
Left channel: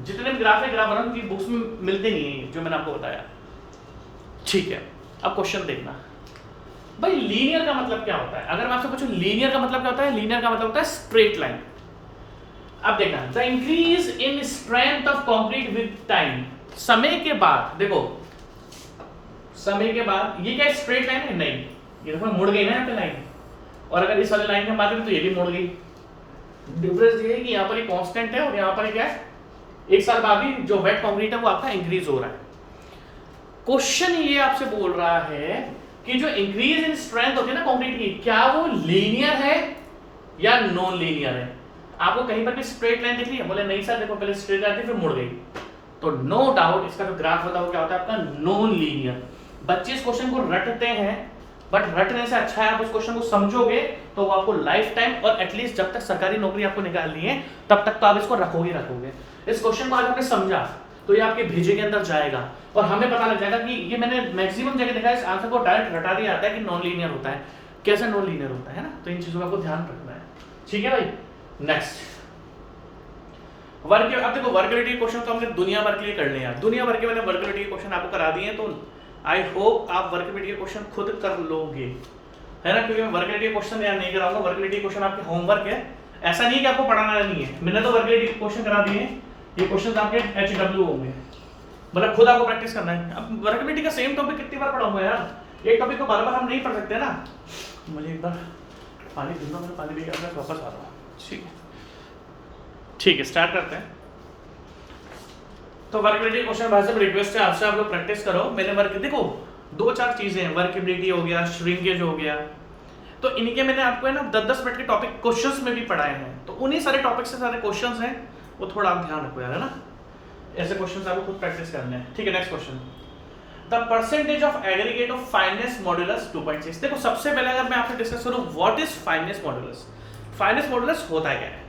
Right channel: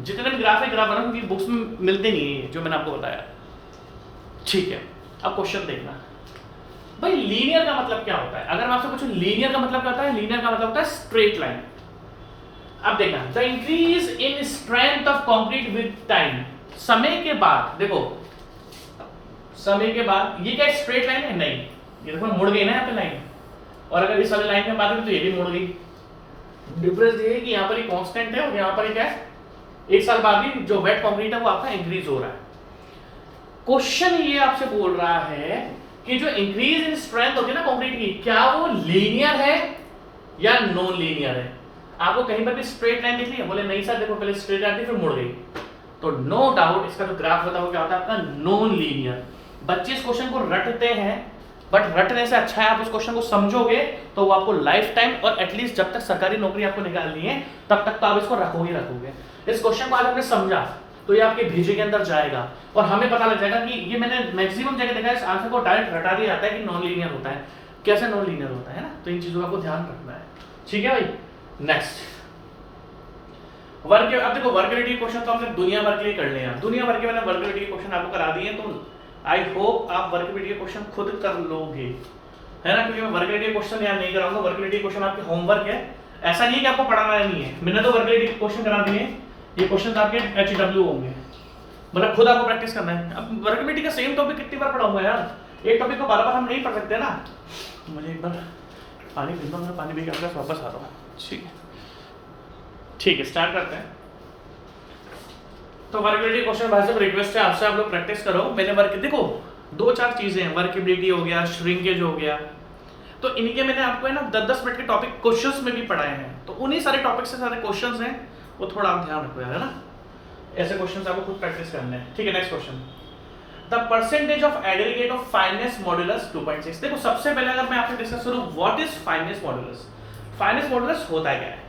जितने भी ग्राफ है ग्राफ बनाओ, क्योंकि बुक्स में मिलते नहीं है जो मैंने आपको बताया, ठीक है। अब क्वेश्चन देखना भाई, लीनियर का मतलब क्या होता है, अगर मैं आपसे पूछूं लीनियर का मतलब क्या होता है, लीनियर का मतलब होता है स्ट्रेट लाइन। अब देखना, the increase in strength of concrete with time, समय के बाद, देखो समय के बाद, ये क्या स्ट्रेट लाइन है, नहीं, ये देखो मुड़ गई ना यहाँ पे लाइन, और अगर इस वाली लाइन की बात करें तो ये भी मुड़ गई, डिफरेंस ये है कि यहाँ पर ये कांस्टेंट है और यहाँ पर क्या है, एक साल बाद भी जो वेट कंक्रीट है वो आपका इंक्रीज हो रहा है। क्वेश्चन ये आपसे बोल रहा है कि जो इंक्रीज इन स्ट्रेंथ होती है ना कंक्रीट की, क्या वो लीनियर है या नॉन लीनियर है। आपको कहीं पर भी स्ट्रेट लाइन दिख रही है, बोले नहीं सर देखो पहले स्ट्रेट आती फिर मुड़ गई, तो नो डाउट इसका जो ग्राफ होता है वो क्या होता है आपका नॉन लीनियर। बच्चे इस क्वेश्चन को रटते हैं, बट रटने से अच्छा है आप इस क्वेश्चन को समझोगे तो वो आपको लाइफ टाइम और एटलीस्ट जब तक सरकारी नौकरी आपको निकालनी है तब तक तो आप इसको रखोगे। इस क्वेश्चन को आज आपने समझा तो ये आपके भेजे के अंदर जाएगा और हमें पता लग जाएगा कि ये मैंने मैक्सिमम जगह देखा है इस आंसर को डायरेक्ट रटा दिया जाता है कि नॉन लीनियर होता है, कैसे नॉन लीनियर होता है ना, तो इन चीजों का आपको ध्यान रखना है। ठीक है भाई, नेक्स्ट वर्क। अब देखो वर्किलिटी क्वेश्चन तो हमने दुनिया भर के लिए करने हैं, दुनिया भर के मैंने वर्किलिटी क्वेश्चन आपको करा दिए हैं, तो आई होप आप वर्किलिटी क्वेश्चन खुद कर लोगे, है ना, क्योंकि मैं वर्किलिटी क्वेश्चन यहाँ नहीं कराऊंगा। वर्किलिटी क्वेश्चन आपके होमवर्क है, ऐसा नहीं कि आपको पढ़ाना नहीं है, मैंने तो वर्किलिटी क्वेश्चन करा दिए, ये क्वेश्चन आपके HW होंगे, मतलब खुद आपको प्रैक्टिस करना है। अब वर्किलिटी का सेम टॉपिक कितनी बार पढ़ाऊंगा यार, एक टॉपिक को बार बार हम नहीं पढ़ सकते ना। मुझे एक बार पानी पीना, मैं पानी पी के वापस आ रहा हूँ। ठीक है स्टार्ट करते हैं। तो वर्किबिलिटी क्वेश्चन भाई साहब रिक्वेस्ट है आपसे, आप लोग प्रैक्टिस करो। मैंने वर्क देखो दो चार चीजें हैं, वर्किबिलिटी हो गया, श्रिंकेज हो गया, तो इनके मैंने आपको है ना 10-10 मिनट के टॉपिक क्वेश्चंस में भी पढ़ाए हैं, तो उन्हीं सारे टॉपिक से सारे क्वेश्चंस हैं, वो थोड़ा आप ध्यान रखो यार, है ना, ऐसे क्वेश्चंस आपको खुद प्रैक्टिस करने हैं। ठीक है next question, the percentage of aggregate of finance modulus 2.6। देखो सबसे पहले अगर मैं आपसे डिस्कस करूं what is finance modulus, finance modulus होता क्या है।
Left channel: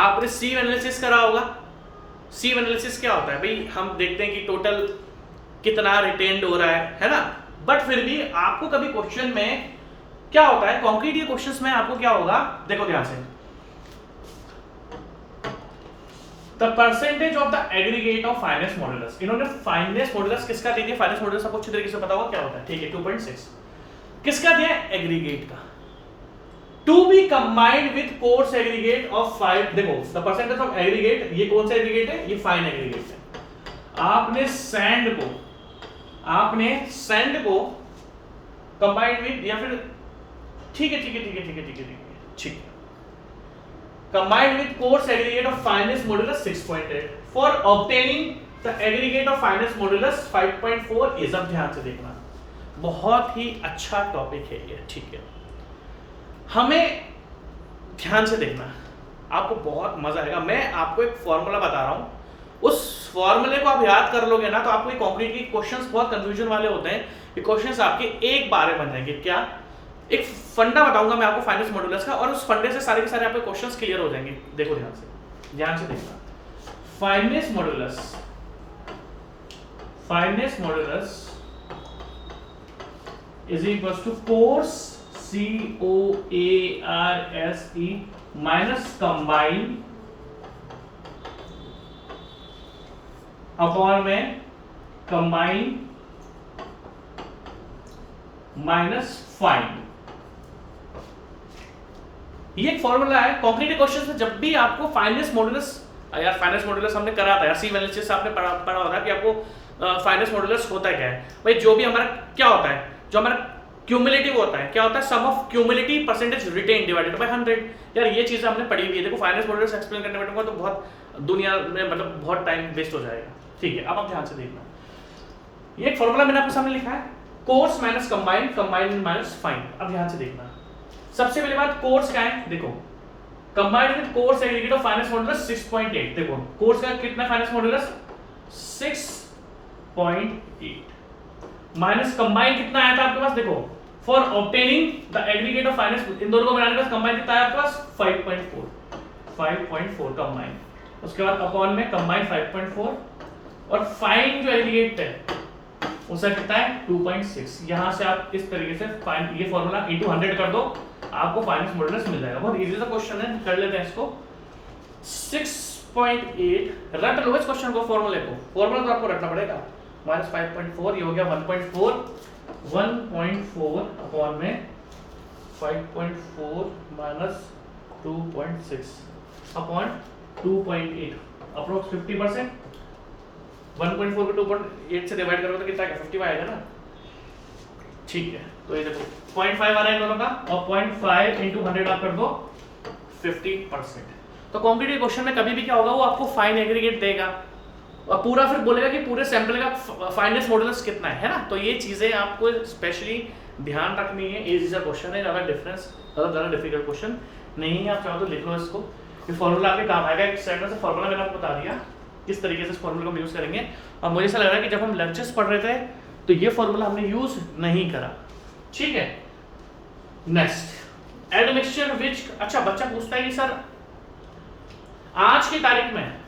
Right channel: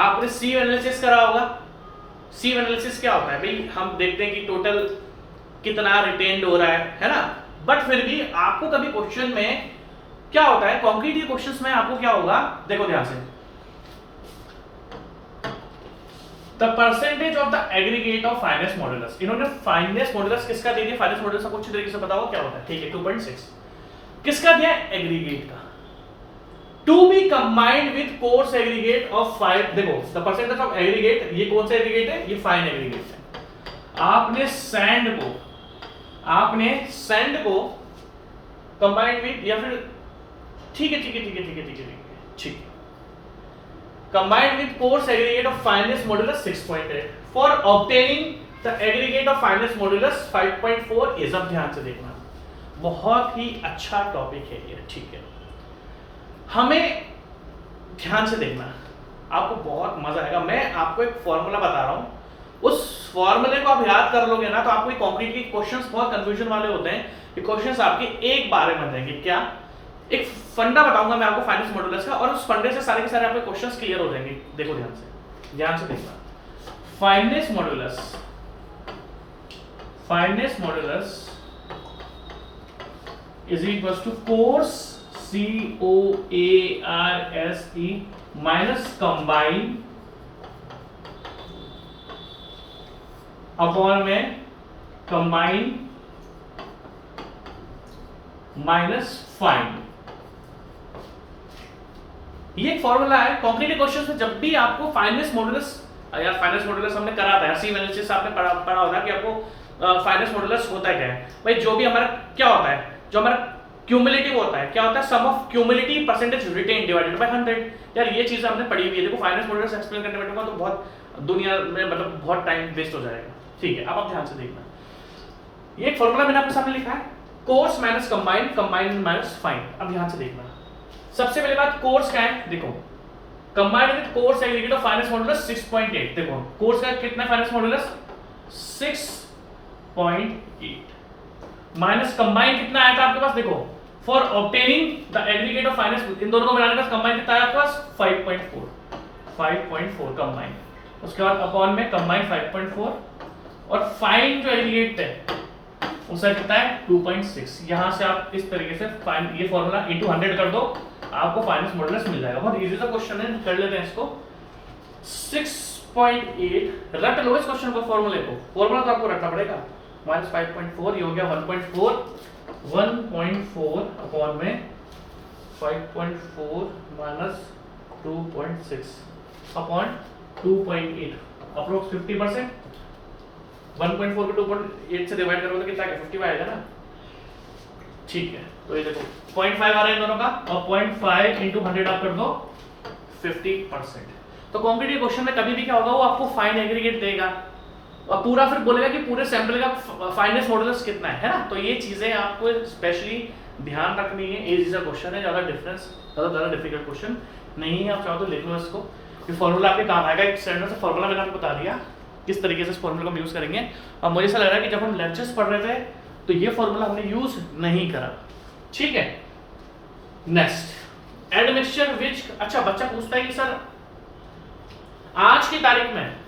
आपने सी एनालिसिस करा होगा, सी एनालिसिस क्या होता है भाई, हम देखते हैं कि टोटल कितना रिटेन्ड हो रहा है ना, बट फिर भी आपको कभी क्वेश्चन में क्या होता है, कॉन्क्रीट क्वेश्चंस में आपको क्या होगा, देखो ध्यान से, the percentage of the aggregate of finance modulus. इन्होंने फाइनेंस मॉड्यूलस किसका दे दिया, फाइनेंस मॉड्यूलस आपको अच्छी तरीके से पता होगा क्या होता है, ठीक है 2.6 किसका दिया, एग्रीगेट का, to be combined with coarse aggregate of 5। देखो द परसेंटेज ऑफ एग्रीगेट, ये कौन सा एग्रीगेट है, ये फाइन एग्रीगेट है। आपने सैंड को कंबाइंड विद, या फिर ठीक है combined with coarse aggregate of finance modulus 6.8 for obtaining the aggregate of finance modulus 5.4 is. अब ध्यान से देखना, बहुत ही अच्छा टॉपिक है ये, ठीक है, हमें ध्यान से देखना, आपको बहुत मजा आएगा। मैं आपको एक फॉर्मूला बता रहा हूं, उस फॉर्मूले को आप याद कर लोगे ना तो आपको कॉन्क्रीट के क्वेश्चंस बहुत कंफ्यूजन वाले होते हैं, ये क्वेश्चंस आपके एक बार में बन जाएंगे। क्या, एक फंडा बताऊंगा मैं आपको फाइनेंस मॉड्यूलस का, और उस फंडे से सारे के सारे आपके क्वेश्चंस क्लियर हो जाएंगे। देखो ध्यान से देखना, fineness modulus is equal to coarse COARSE minus combine upon में कंबाइन माइनस फाइन। ये एक फॉर्मूला है कॉन्क्रीट क्वेश्चंस में। जब भी आपको फाइनेंस मॉड्यूलस, या फाइनेंस मॉड्यूलस हमने करा था, सी एनालिसिस आपने पढ़ा होता है कि आपको फाइनेंस मॉड्यूलस होता क्या है भाई, जो भी हमारा क्या होता है, जो हमारा क्यूमुलेटिव होता है, क्या होता है, sum of cumulative percentage retained divided by 100। यार ये चीजें आपने पढ़ी हुई है, देखो फाइनेंस मॉड्यूलस एक्सप्लेन करने बैठूंगा तो बहुत दुनिया में मतलब बहुत टाइम वेस्ट हो जाएगा। ठीक है, अब आप ध्यान से देखना, ये एक फॉर्मूला मैंने आपके सामने लिखा है, course minus combine, combine minus fine. अब ध्यान से देखना, सबसे पहली बात कोर्स क्या है, देखो combined with coarse aggregate of finance modulus 6.8। देखो कोर्स का कितना फाइनेंस मॉड्यूलस 6.8 माइनस कंबाइन कितना आया था आपके पास, देखो for obtaining the aggregate of finance, इन दोनों को मिलाने के बाद कंबाइन कितना आया आपके पास 5.4 कंबाइन, उसके बाद अपॉन में कंबाइन 5.4 और फाइन जो एग्रीगेट है उसका कितना है 2.6। यहां से आप इस तरीके से फाइन, ये फॉर्मूला इनटू 100 कर दो, आपको फाइनेंस मॉड्यूलस मिल जाएगा। बहुत इजी सा क्वेश्चन है, कर लेते हैं इसको। 6.8 रट लो इस क्वेश्चन को, फॉर्मूले को, फॉर्मूला तो आपको रटना पड़ेगा, माइनस 5.4 ये हो गया 1.4 अपॉन में 5.4 माइनस 2.6 अपॉन 2.8 अप्रोक्स 50%। 1.4 को 2.8 से डिवाइड करोगे तो कितना आएगा 50 आएगा ना, ठीक है। तो ये देखो 0.5 आ रहा है दोनों का, और 0.5 इंटू 100 आप कर दो 50%। तो कंक्रीट के क्वेश्चन में कभी भी क्या होगा, वो आपको फाइन एग्रीगेट देगा और पूरा फिर बोलेगा कि पूरे सैंपल का फाइनेंस मॉडुलस कितना है ना। तो ये चीजें आपको स्पेशली ध्यान रखनी है। इजी सा क्वेश्चन है, ज्यादा डिफरेंस ज्यादा डिफिकल्ट क्वेश्चन नहीं है। आप चाहो तो लिख लो इसको, ये फॉर्मूला आपके काम आएगा। एक स्टैंडर्ड से फॉर्मूला मैंने आपको बता दिया किस तरीके से इस फॉर्मूला को यूज करेंगे। और मुझे ऐसा लग रहा है कि जब हम लंचेस पढ़ रहे थे तो ये फॉर्मूला हमने यूज नहीं करा, ठीक है। नेक्स्ट एडमिक्सचर विच, अच्छा बच्चा पूछता है कि सर आज की तारीख में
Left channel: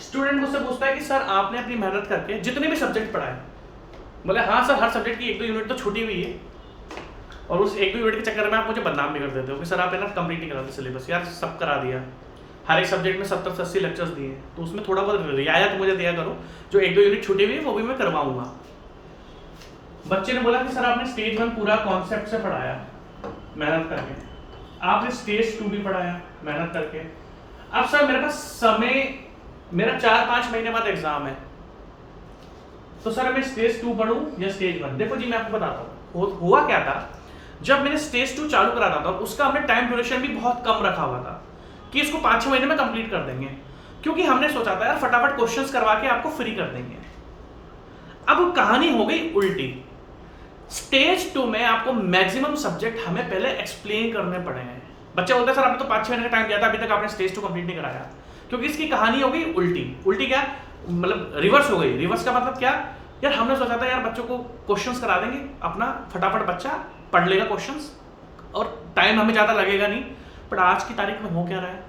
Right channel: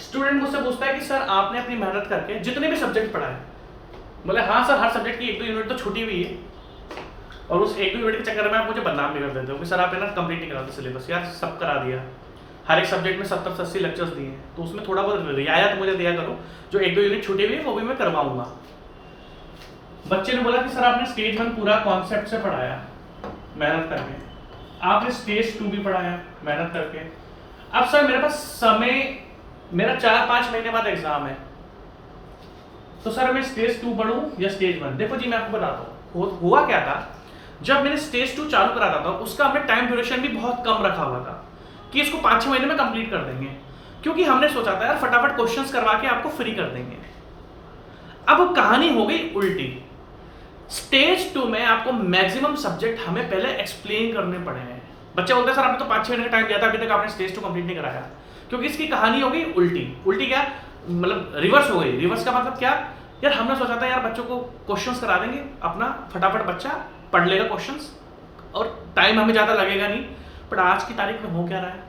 स्टूडेंट मुझसे पूछता है कि सर आपने अपनी मेहनत करके जितने भी सब्जेक्ट पढ़ा है, बोले हाँ सर हर सब्जेक्ट की 1-2 यूनिट तो छूटी हुई है और उस 1-2 यूनिट के चक्कर में आप मुझे बदनाम भी कर देते हो कि सर आपने ना कंप्लीट नहीं करा सिलेबस। यार सब करा दिया, हर एक सब्जेक्ट में 70-80 लेक्चर्स दिए, तो उसमें थोड़ा बहुत रियायत मुझे दिया करो, जो 1-2 यूनिट छूटी हुई है वो भी मैं करवाऊंगा। बच्चे ने बोला कि सर आपने स्टेज 1 पूरा कॉन्सेप्ट से पढ़ाया मेहनत करके, आपने स्टेज 2 भी पढ़ाया मेहनत करके, अब सर मेरे पास समय, मेरा 4-5 महीने बाद एग्जाम है, तो सर मैं स्टेज 2 पढ़ूं या स्टेज 1? देखो जी मैं आपको बताता हूँ हुआ क्या था। जब मैंने स्टेज 2 चालू करा था उसका हमने टाइम ड्यूरेशन भी बहुत कम रखा हुआ था कि इसको 5-6 महीने में कंप्लीट कर देंगे, क्योंकि हमने सोचा था यार फटाफट क्वेश्चंस करवा के आपको फ्री कर देंगे। अब कहानी हो गई उल्टी। स्टेज 2 में आपको मैक्सिमम सब्जेक्ट हमें पहले एक्सप्लेन करने पड़ेंगे। बच्चे बोलते हैं सर आपने तो 5-6 महीने का टाइम दिया था, अभी तक आपने स्टेज 2 कंप्लीट नहीं कराया, क्योंकि इसकी कहानी हो गई उल्टी। उल्टी क्या मतलब रिवर्स हो गई। रिवर्स का मतलब क्या, यार हमने सोचा था यार बच्चों को क्वेश्चंस करा देंगे, अपना फटाफट बच्चा पढ़ लेगा क्वेश्चंस और टाइम हमें ज्यादा लगेगा नहीं। बट आज की तारीख में हो क्या रहा है,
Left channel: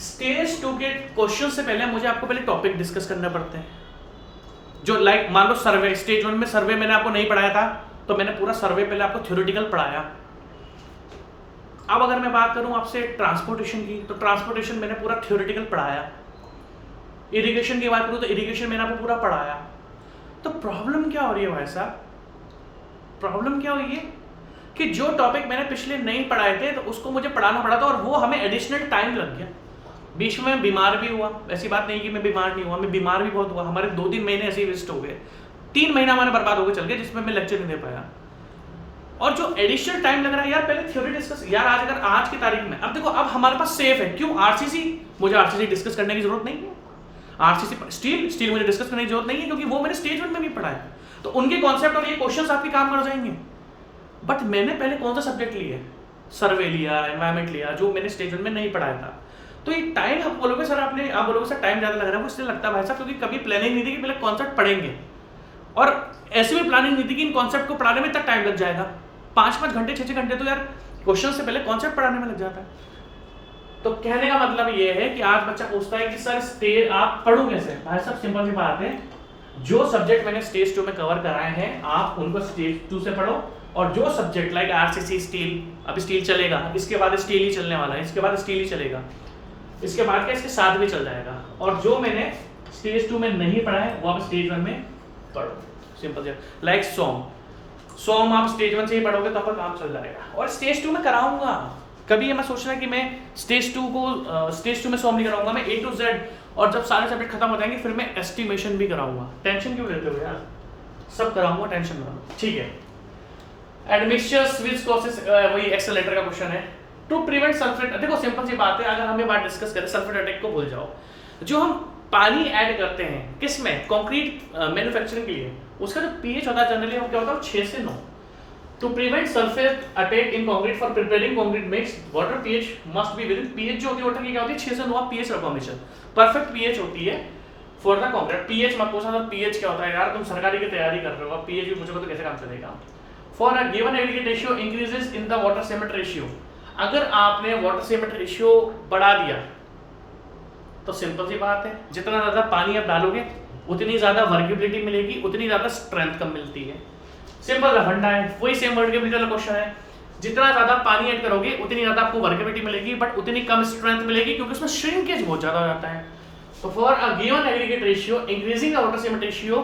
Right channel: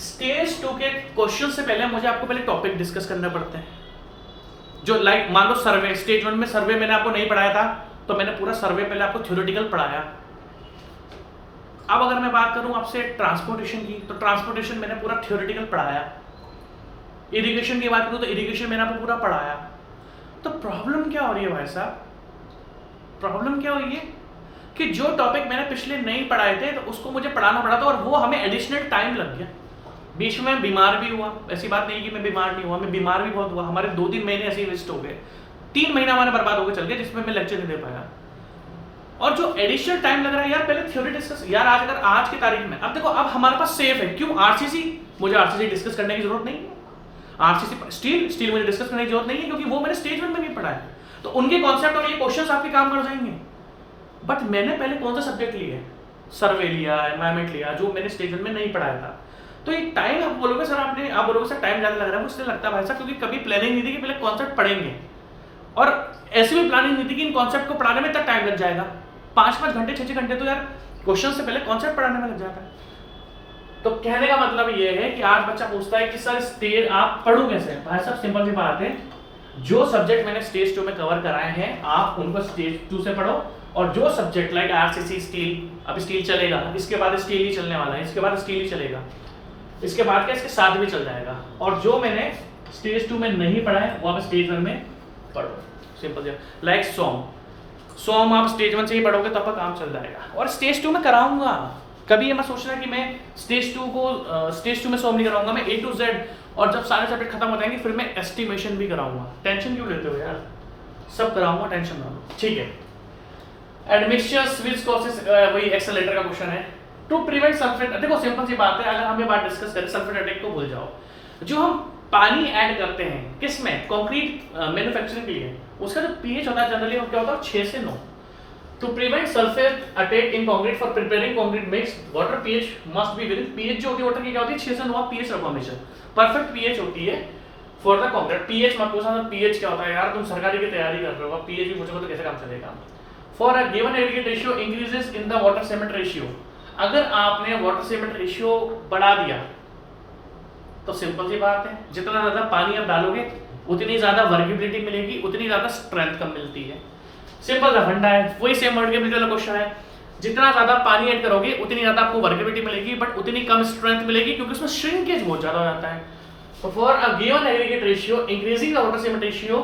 स्टेज 2 के क्वेश्चन से पहले मुझे आपको पहले टॉपिक डिस्कस करना पड़ते हैं। जो लाइक मान लो सर्वे, स्टेज 1 में सर्वे मैंने आपको नहीं पढ़ाया था, तो मैंने पूरा सर्वे पहले आपको थ्योरेटिकल पढ़ाया। अब अगर मैं बात करूं आपसे ट्रांसपोर्टेशन की, तो ट्रांसपोर्टेशन मैंने पूरा थ्योरेटिकल पढ़ाया। इरिगेशन की बात करूं तो इरिगेशन मैंने आपको पूरा पढ़ाया। तो प्रॉब्लम क्या हो रही है भाई साहब, प्रॉब्लम क्या हो रही है कि जो टॉपिक मैंने पिछले नहीं पढ़ाए थे तो उसको मुझे पढ़ाना पड़ा था और वो हमें एडिशनल टाइम लग गया। बीच में बीमार भी हुआ, ऐसी बात नहीं कि मैं बीमार नहीं हुआ, मैं बीमार भी बहुत हुआ। हमारे 2-3 महीने ऐसे ही वेस्ट हो गए, 3 महीना हमारे बर्बाद हो गए चल गए, जिसमें मैं लेक्चर नहीं दे पाया। और जो एडिशनल टाइम लग रहा है यार, पहले थ्योरी डिस्कस यार, आज की तारीख में अब देखो, अब हमारे पास सेफ है। क्यों? आरसीसी, मुझे आरसीसी डिस्कस करने की जरूरत नहीं है। आरसीसी स्टील मुझे डिस्कस करने की जरूरत नहीं है, क्योंकि वो मैंने स्टेज 1 में भी पढ़ा है। तो उनके कॉन्सेप्ट और ये क्वेश्चंस आपके काम कर जाएंगे। बट मैंने पहले कौन सा सब्जेक्ट लिए, सर्वे लिया, एनवायरमेंट लिया, जो मैंने स्टेज 1 में नहीं पढ़ाया था। तो ये टाइम आप बोलोगे सर आप बोलोगे सर टाइम ज्यादा लग रहा है, इसलिए लगता है भाई साहब क्योंकि कभी प्लानिंग नहीं थी कि पहले कॉन्सेप्ट पढ़ेंगे, और ऐसी भी प्लानिंग नहीं थी कि इन कॉन्सेप्ट को पढ़ाने में इतना टाइम लग जाएगा। 5-5 घंटे 6-6 घंटे तो यार क्वेश्चन से पहले कॉन्सेप्ट पढ़ाने में लग जाता है। तो कहने का मतलब ये है कि आज बच्चा पूछता है कि सर स्टेज आप पढ़ू कैसे? भाई साहब सिंपल सी बात है, जो सब्जेक्ट मैंने स्टेज 2 में कवर कराए हैं आप उनको स्टेज 2 से पढ़ो, और जो सब्जेक्ट लाइक आरसीसी स्टील, अब स्टील चलेगा, इसके बाद स्टील ही चलने वाला है, इसके बाद स्टील ही चलेगा, इसके बाद का इसके साथ भी चल जाएगा। और जो मैंने स्टेज 2 में नहीं पढ़ा है वो आप स्टेज 1 में पढ़ो। सिंपल से लाइक सॉम आप स्टेज 1 से ही पढ़ोगे तो आपका काम चल जाएगा। और स्टेज 2 में कराऊंगा, कभी ये मत सोचना कि मैं स्टेज 2 में सॉम नहीं कराऊंगा, मैं A to Z, और जब सारे सब्जेक्ट खत्म हो जाएंगे फिर मैं एस्टिमेशन भी कराऊंगा। टेंशन क्यों लेते हो यार, सब कराऊंगा, टेंशन ना लो, ठीक है। एडमिक्सचर्स विच कॉसेस, वही एक्सेलेरेटर का क्वेश्चन है। टू प्रिवेंट सल्फेट, देखो सिंपल सी बात है, अगर हम ये बात डिस्कस करें सल्फेट अटैक को भूल जाओ। जो हम पानी ऐड करते हैं किस में, कंक्रीट मैन्युफैक्चरिंग के लिए, उसका जो पीएच होता है जनरली क्या होता है 6 से 9। To prevent sulphate attack in concrete for preparing concrete mix water pH must be with pH, जो होती है वाटर की क्या होती है 6 से 9 पीएच रखो हमेशा, परफेक्ट पीएच होती है फॉर द कंक्रीट। पीएच मत पूछना पीएच क्या होता है यार, तुम सरकारी की तैयारी कर रहे हो, पीएच भी पूछोगे तो कैसे काम चलेगा। For a given aggregate ratio increases in the water cement ratio, अगर आपने वाटर सीमेंट रेशियो बढ़ा दिया तो सिंपल सी बात है, जितना ज्यादा पानी आप डालोगे उतनी ज्यादा वर्केबिलिटी मिलेगी, उतनी ज्यादा स्ट्रेंथ कम मिलती है। सिंपल सा फंडा है, वही सेम वर्केबिलिटी का क्वेश्चन है। जितना ज्यादा पानी ऐड करोगे उतनी ज्यादा आपको वर्केबिलिटी मिलेगी, बट उतनी कम स्ट्रेंथ मिलेगी, क्योंकि उसमें श्रिंकेज बहुत ज्यादा हो जाता है। तो for a given aggregate ratio increasing the water cement ratio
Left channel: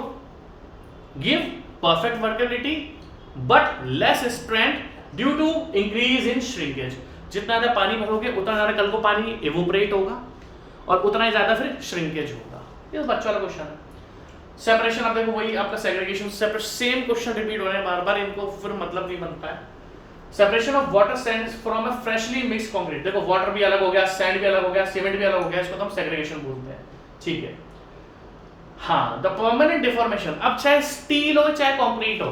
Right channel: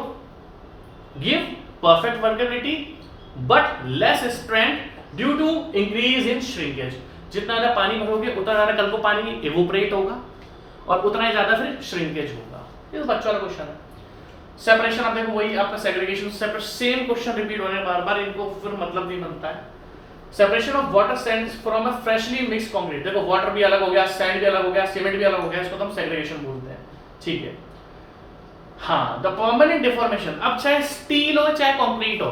give perfect workability but less strength due to increase in shrinkage. जितना ज्यादा पानी भरोगे उतना ज्यादा कल को पानी इवोपरेट होगा और उतना ही ज्यादा फिर श्रिंकेज होगा। ये बच्चों वाला क्वेश्चन है। सेपरेशन आप देखो वही आपका segregation, separate, same question repeat हो रहे हैं बार बार, इनको फिर मतलब नहीं बनता है। Separation of water sand from a freshly mixed concrete, देखो वाटर भी अलग हो गया, सैंड भी अलग हो गया, सीमेंट भी अलग हो गया, इसको हम सेग्रीगेशन बोलते हैं, ठीक है। हाँ, द परमानेंट डिफॉर्मेशन, अब चाहे स्टील हो चाहे कंक्रीट हो,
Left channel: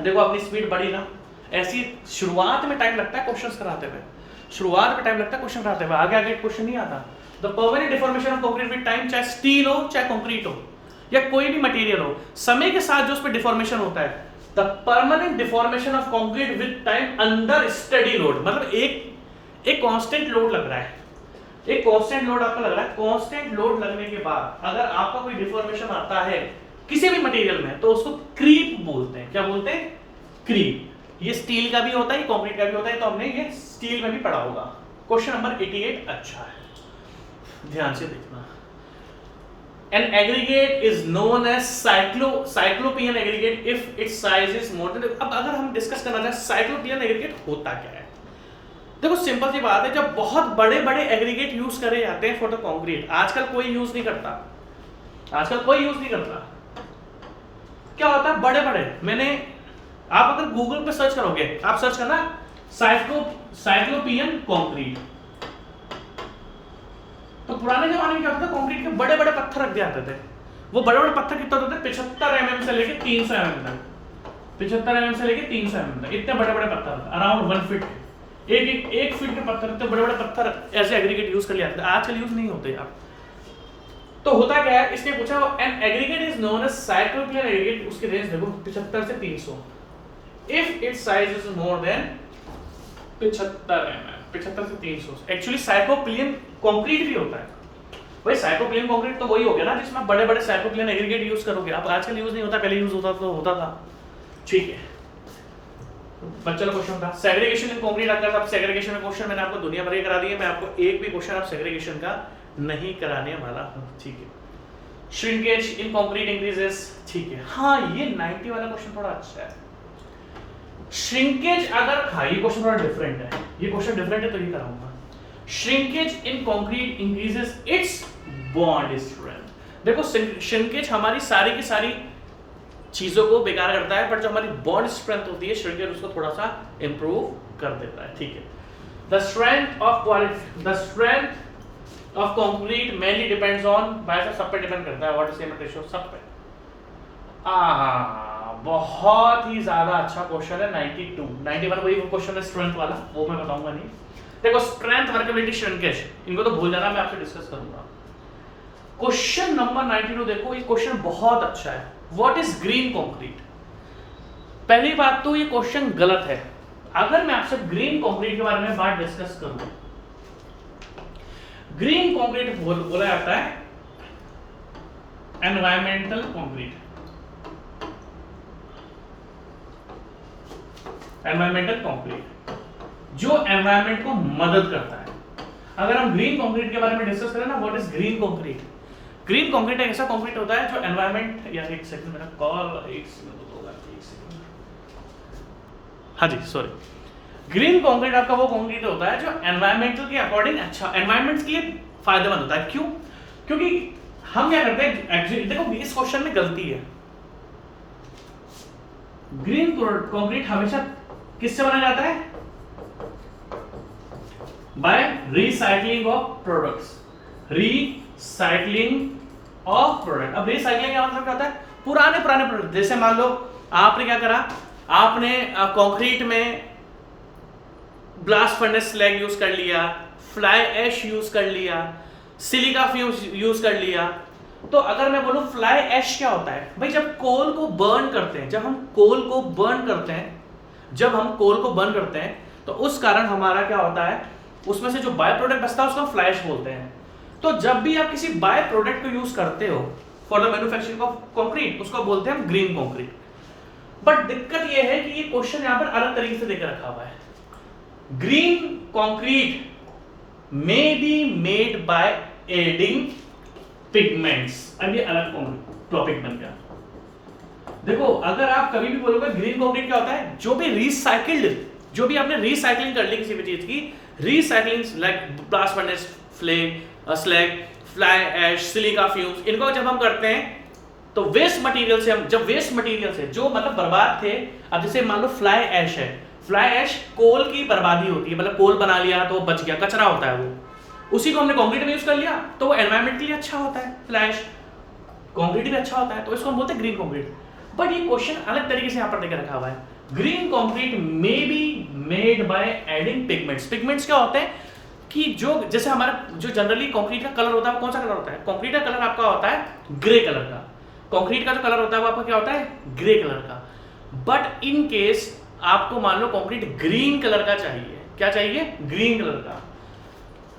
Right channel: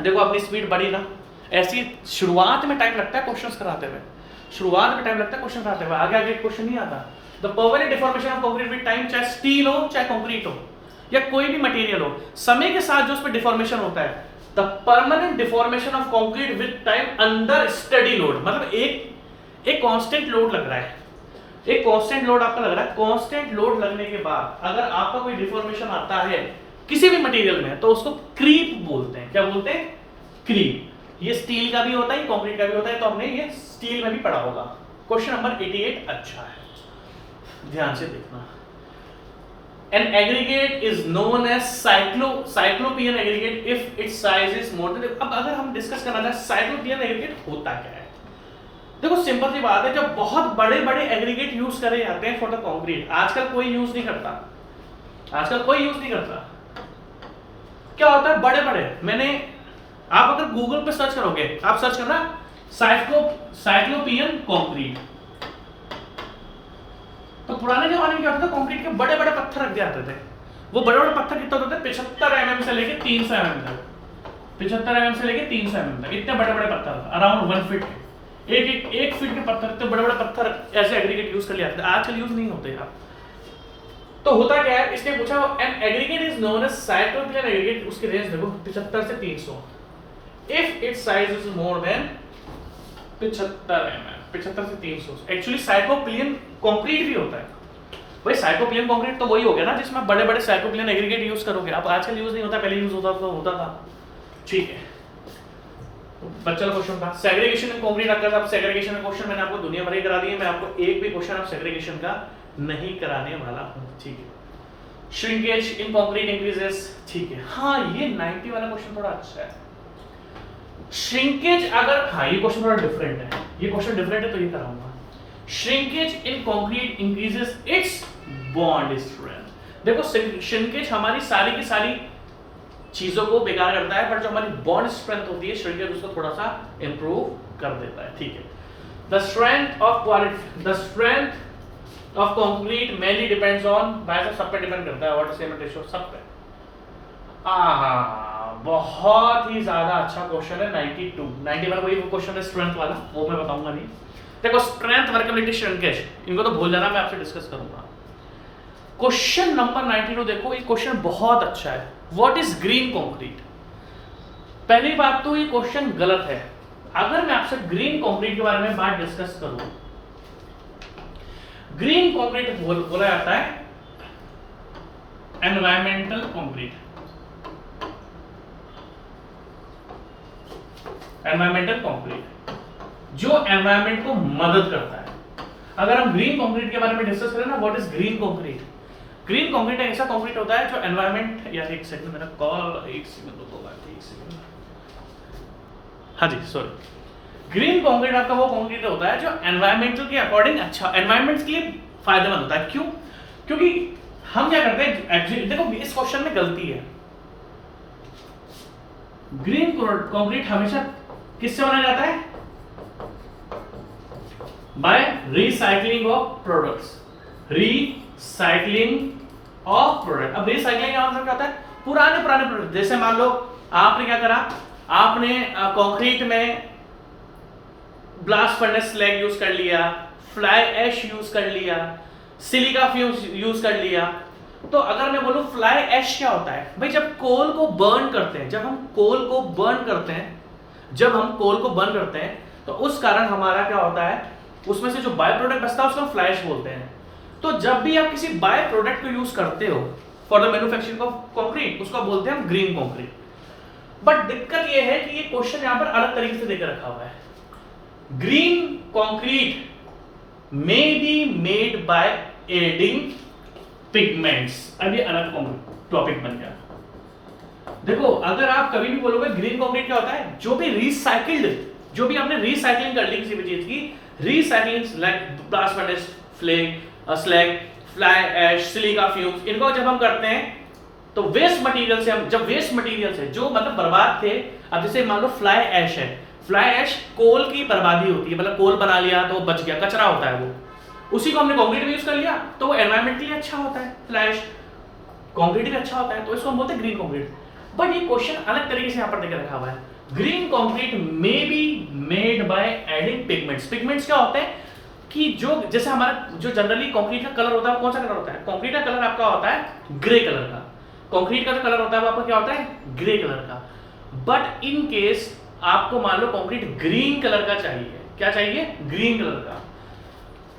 देखो अपनी स्पीड बढ़ी ना, ऐसी शुरुआत में टाइम लगता है क्वेश्चंस कराते हुए, शुरुआत में टाइम लगता है क्वेश्चन कराते हुए, आगे आगे क्वेश्चन नहीं आता। The permanent deformation of concrete with time, चाहे स्टील हो चाहे कंक्रीट हो या कोई भी मटेरियल हो, समय के साथ जो उस पर डिफॉर्मेशन होता है, the permanent deformation of concrete with time under study load, मतलब एक कांस्टेंट लोड लग रहा है, एक कांस्टेंट लोड आपका लग रहा है, कांस्टेंट लोड लगने के बाद अगर आपका कोई डिफॉर्मेशन आता है किसी भी मटेरियल में, तो उसको क्रीप बोलते हैं। क्या बोलते हैं? क्रीप। ये स्टील का भी होता है, कंक्रीट का भी होता है, तो हमने ये स्टील में भी पढ़ा होगा। क्वेश्चन नंबर 88 अच्छा है, ध्यान से देखना। An aggregate is known as cyclopean aggregate if its size is more than, अब अगर हम डिस्कस करना चाहें cyclopean aggregate होता क्या है, देखो सिंपल सी बात है, जब बहुत बड़े बड़े एग्रीगेट यूज करे जाते हैं फॉर द कंक्रीट, आजकल कोई यूज नहीं करता, आजकल कोई यूज नहीं करता। क्या होता है बड़े बड़े, मैंने, आप अगर गूगल पे सर्च करोगे, आप सर्च करना साइक्लोपियन कंक्रीट, तो पुराने जमाने में क्या होता था, कंक्रीट के बड़े बड़े पत्थर रख दिए जाते थे। वो बड़े बड़े पत्थर कितने होते थे? 75 mm से लेके 300 mm तक, 75 mm से लेके 300 mm तक, इतने बड़े बड़े पत्थर, अराउंड 1 फीट, एक फीट के पत्थर, इतने बड़े बड़े पत्थर ऐसे एग्रीगेट यूज कर लिया जाते थे, आजकल यूज नहीं होते यार। तो होता क्या है, इसने पूछा an aggregate is known as cyclopean aggregate, उसकी रेंज देखो 75 से 300, if its size is more than 75 mm, 75 से 300। एक्चुअली साइक्लोपियन कंक्रीट भी होता है भाई, साइक्लोपियन कंक्रीट तो वही हो गया ना जिसमें बड़े बड़े साइक्लोपियन एग्रीगेट यूज करोगे आप, आजकल यूज नहीं होता, पहले यूज होता था, ठीक है। बच्चा क्वेश्चन था सेग्रीगेशन इन कंक्रीट, अगर आप सेग्रीगेशन का क्वेश्चन मैंने आपको दुनिया भर ही करा दिए, मैं आपको एक भी क्वेश्चन आप सेग्रीगेशन का नहीं कराने वाला हूं, ठीक है। श्रिंकेज इन कंक्रीट इंक्रीजेस, ठीक है। हाँ, ये 90 वाला क्वेश्चन थोड़ा अच्छा है। श्रिंकेज अगर, हाँ ये क्वेश्चन थोड़ा डिफरेंट है, ये क्वेश्चन डिफरेंट है तो ये कराऊंगा। Shrinkage in concrete increases it's bond strength, देखो श्रिंकेज हमारी सारी की सारी चीजों को बेकार करता है, बट जो हमारी बॉन्ड स्ट्रेंथ होती है श्रिंकेज उसको थोड़ा सा इंप्रूव कर देता है, ठीक है। The strength of concrete mainly depends on, भाई सब पे डिपेंड करता है, वाटर सीमेंट रेशियो सब पे। बहुत ही ज्यादा अच्छा क्वेश्चन है 91 वही क्वेश्चन है स्ट्रेंथ वाला, वो मैं बताऊंगा नहीं। देखो स्ट्रेंथ, वर्केबिलिटी, श्रिंकेज, इनको तो भूल जाना, मैं आपसे डिस्कस करूंगा। क्वेश्चन नंबर 92 देखो, ये क्वेश्चन बहुत अच्छा है। What is green concrete? पहली बात तो ये क्वेश्चन गलत है। अगर मैं आपसे ग्रीन कंक्रीट के बारे में बात डिस्कस करूं, ग्रीन कंक्रीट बोला जाता है एनवायरमेंटल कंक्रीट, एनवायरमेंटल कंक्रीट जो एनवायरमेंट को मदद करता है। अगर हम ग्रीन कंक्रीट के बारे में डिस्कस करें ना, what is green concrete? Green concrete एक ऐसा कंक्रीट होता है जो एनवायरमेंट, यार एक सेकंड मेरा कॉल, एक सेकंड रुको, एक सेकंड, हाँ जी सॉरी। ग्रीन कंक्रीट आपका वो कंक्रीट होता है जो एनवायरमेंटल के अकॉर्डिंग अच्छा, एनवायरमेंट के लिए फायदेमंद होता है। क्यों? क्योंकि हम क्या करते हैं, देखो इस क्वेश्चन में गलती है। ग्रीन कंक्रीट हमेशा किससे बनाया जाता है? By recycling of products, recycling of product. अब रिसाइकलिंग का मतलब क्या होता है? पुराने प्रोडक्ट, जैसे मान लो आपने क्या करा, आपने कंक्रीट में ब्लास्ट फर्नेस स्लैग यूज कर लिया, फ्लाई ऐश यूज कर लिया, सिलिका फ्यूज यूज कर लिया। तो अगर मैं बोलूं फ्लाई ऐश क्या होता है भाई, जब कोल को बर्न करते हैं, जब हम कोल को बर्न करते हैं, तो उस कारण हमारा क्या होता है, उसमें से जो बाय प्रोडक्ट बचता है उसको फ्लाई ऐश बोलते हैं। तो जब भी आप किसी बाय प्रोडक्ट को यूज करते हो for the manufacturing of concrete, उसको बोलते हैं हम ग्रीन कंक्रीट। बट दिक्कत यह है कि ये क्वेश्चन यहां पर अलग तरीके से देकर रखा हुआ है। Green concrete may be made by adding pigments, अब ये अलग टॉपिक बन गया। देखो अगर आप कभी भी बोलोगे ग्रीन कंक्रीट क्या होता है, जो भी रिसाइकिल्ड, जो भी आपने रिसाइकलिंग कर ली किसी भी चीज की, recycling like blast furnace slag, fly ash, silica fumes, इनको जब हम करते हैं तो वेस्ट मटेरियल से हम, जब वेस्ट मटेरियल से जो मतलब बर्बाद थे, अब जैसे मान लो फ्लाई ऐश है, फ्लाई ऐश कोल की बर्बादी होती है, मतलब कोल बना लिया तो बच गया, कचरा होता है वो, उसी को हमने कंक्रीट में यूज कर लिया तो वो एनवायरमेंट के लिए अच्छा होता है, फ्लाई ऐश कंक्रीट भी अच्छा होता है, तो इसको हम बोलते हैं ग्रीन कंक्रीट। बट ये क्वेश्चन अलग तरीके से यहाँ पर देकर रखा हुआ है, green concrete may be made by adding pigments. Pigments क्या होते हैं कि जो जैसे हमारा जो जनरली कंक्रीट का कलर होता है, कौन सा कलर होता है, कंक्रीट का कलर आपका होता है ग्रे कलर का, कंक्रीट का जो कलर होता है वो आपका क्या होता है ग्रे कलर का। बट इन केस आपको मान लो कंक्रीट ग्रीन कलर का चाहिए, क्या चाहिए, ग्रीन कलर का।